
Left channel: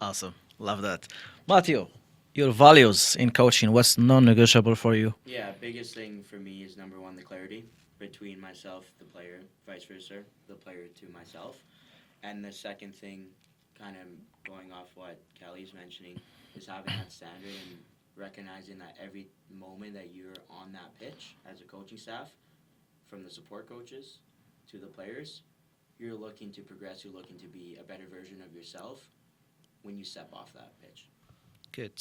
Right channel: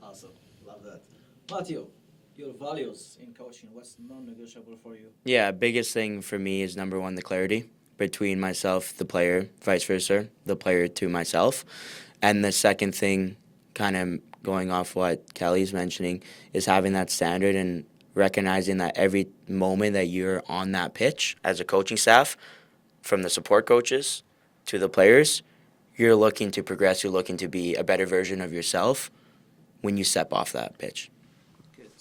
Awesome. Love that. Matthew, your values in coaching, what's non-negotiable for you? Yeah, biggest thing for me is number one, the clarity between myself, the player, vice versa, the player to myself. And the second thing, kind of going off what Kelly's mentioning, is having that standard and recognizing that every moment that you're on that pitch as a coaching staff, from the support coaches to the players, you're looking to progress, you're looking to be a better version of yourself when you step off that pitch. Good.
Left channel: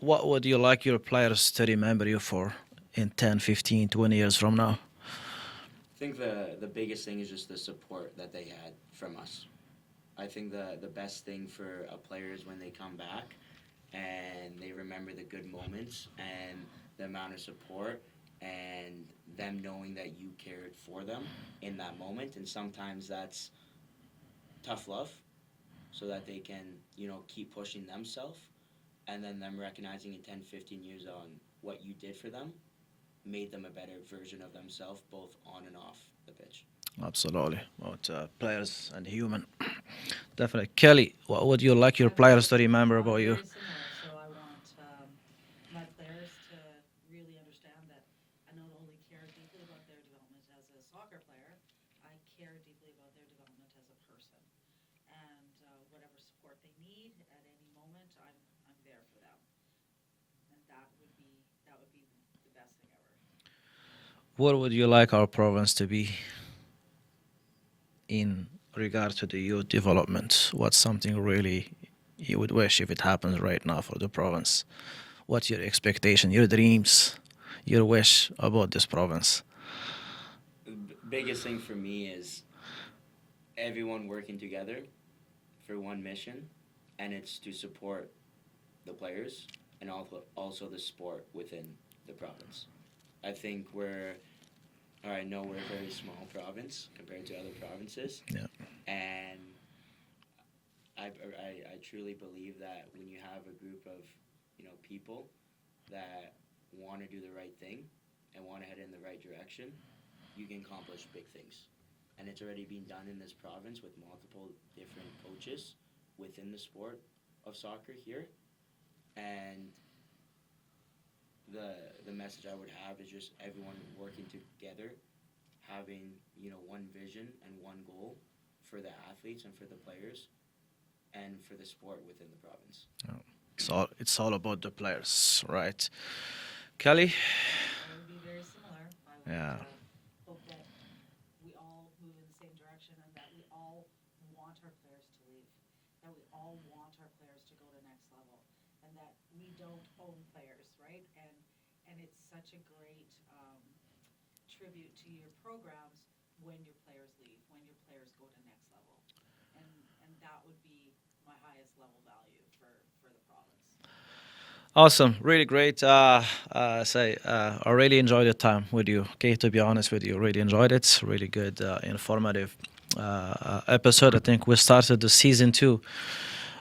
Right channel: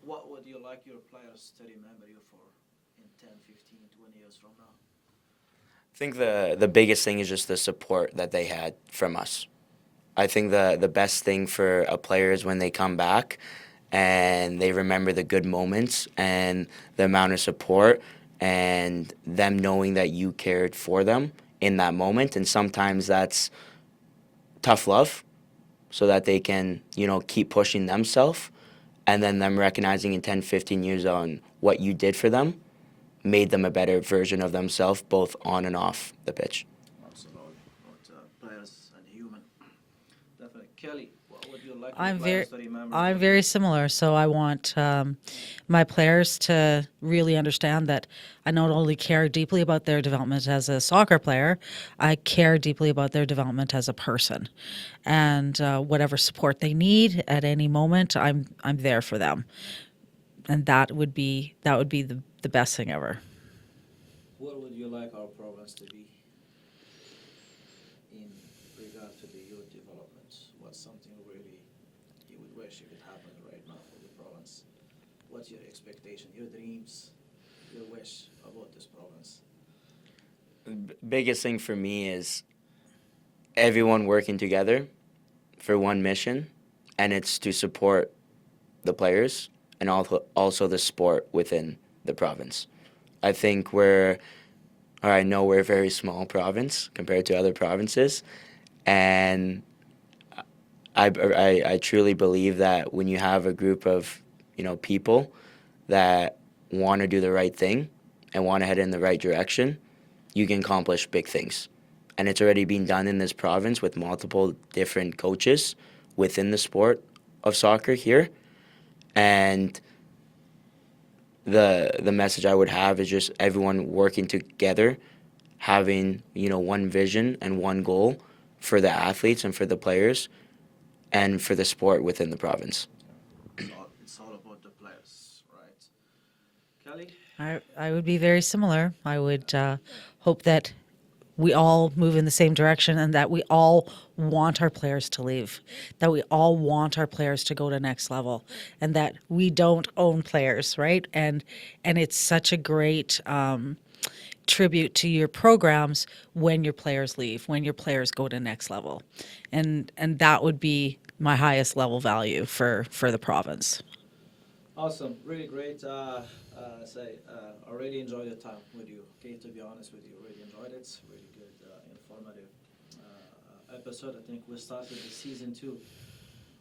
What would you like your players to remember you for in 10, 15, 20 years from now? I think the biggest thing is just the support that they had from us. I think the best thing for a player is when they come back and they remember the good moments and the amount of support and them knowing that you cared for them in that moment. And sometimes that's tough love so that they can, keep pushing themselves, and then them recognizing in 10, 15 years on what you did for them made them a better version of themselves, both on and off the pitch. Absolutely. Both players and human. Definitely. Kelly, what would you like your I'm players very- to remember about I'm you? very similar. So I want my players to really understand that I not only care deeply about their development as a soccer player, I care deeply about their development as a person. And whatever support they need at any moment, I'm there for them. And that would be the best thing ever. What would you like our province to be in regard to the youth development? What's something really you would wish if it happens right now for the province? What's your expectation, your dreams, your wish about this province? Biggest thing for me is everyone working together for one mission, and it's to support the players and also the sport within the province. I think I know we're a very small province compared to other provinces, and I truly believe that when you have a group of people that want to do the right thing and want to head in the right direction, you can accomplish big things. And it's already been done in this province with multiple different coaches within the sport of soccer here. And the message I would have is just everyone working together, having, you know, one vision and one goal for the athletes and for the players and for the sport within the province. It's all about the players, right? Kelly? I would be very similar. I would Yeah. hope that we all move in the same direction and that we all want our players to leave, that we all want our players to go to next level, and that we don't own players, right? And it's such a great tribute to your programs when your players leave, when your players go to next level, and that would be my highest level value for the province. Awesome, really great. I really enjoyed the time with you. Okay, to be honest with you, really enjoyed it. Really good, informative episode. I think we started the season 2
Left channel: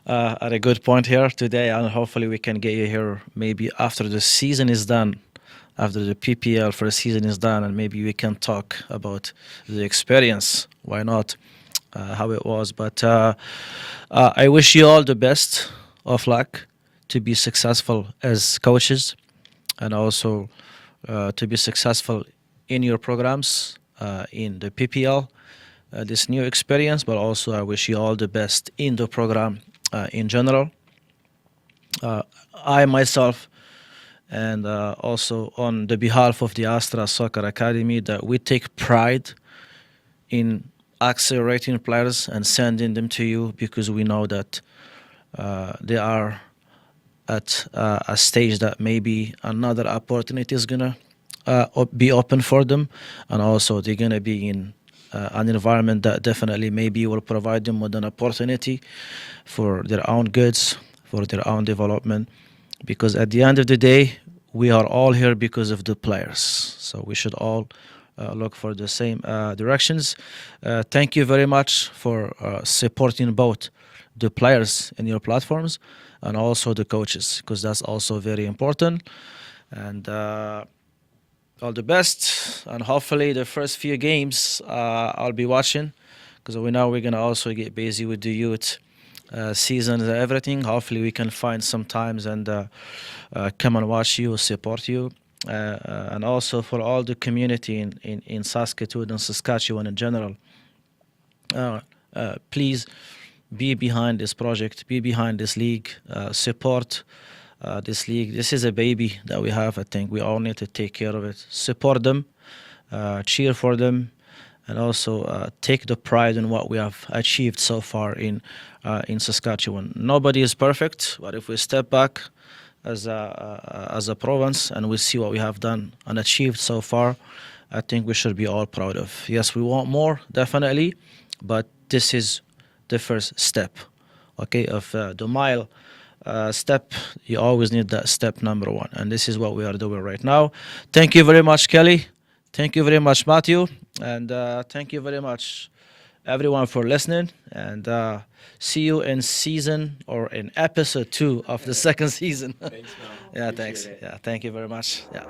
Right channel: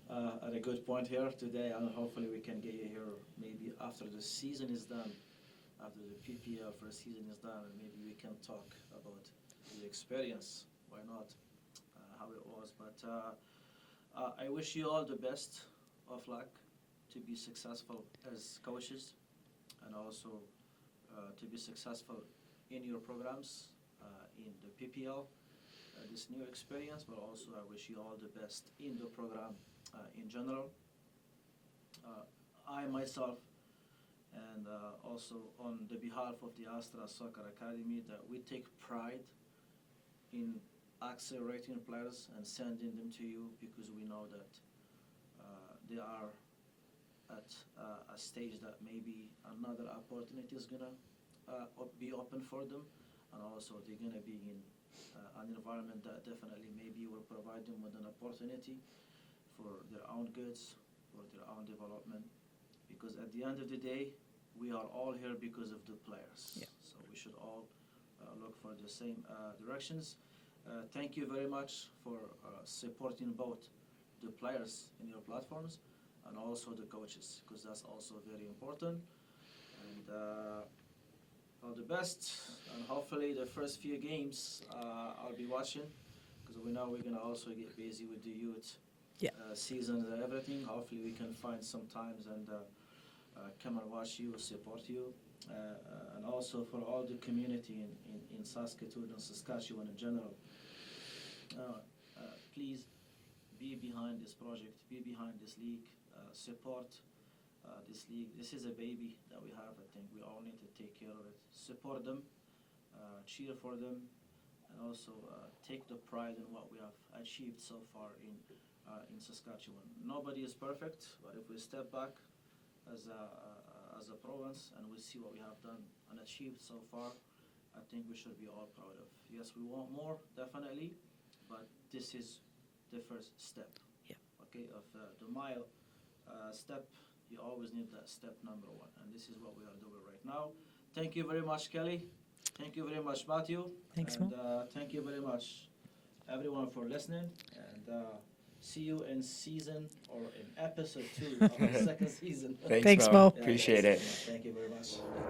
at a good point here today, and hopefully we can get you here maybe after the season is done, after the PPL for the season is done, and maybe we can talk about the experience. Why not? How it was. But I wish you all the best of luck to be successful as coaches, and also to be successful in your programs in the PPL, this new experience. But also I wish you all the best in the program in general. I myself, and also on the behalf of the ASTRA Soccer Academy, that we take pride in accelerating players and sending them to you, because we know that they are at a stage that maybe another opportunity is gonna be open for them, and also they're gonna be in an environment that definitely maybe will provide them with an opportunity for their own goods, for their own development, because at the end of the day, we are all here because of the players. So we should all look for the same directions. Thank you very much for supporting both the players in your platforms and also the coaches, because that's also very important. And all the best, and hopefully the first few games I'll be watching, because we know we're gonna also get busy with the youth season and everything. Hopefully we can find some times and come and watch you, support you. And also for all the community in Saskatoon and Saskatchewan in general, please be behind this project, be behind this league, support this league. This is a baby that we have. I think we all need to take care of it, support them, cheer for them, and also take the pride in what we have achieved so far in Saskatchewan. Nobody is perfect, but if we step back as a province and we see what we have done and achieved so far, I think we should be all proud of. Yes, we want more, definitely, but this is the first step, okay, of the mile step. You always need that step number 1, and this is what we are doing right now. Thank you very much, Kelly. Thank you very much, Matthew, and thank you very much, everyone, for listening, and see you in season or in episode 2 of the second season. Thanks, Mo. Yeah, Appreciate thanks. it. Yeah, thank you very much. Yeah.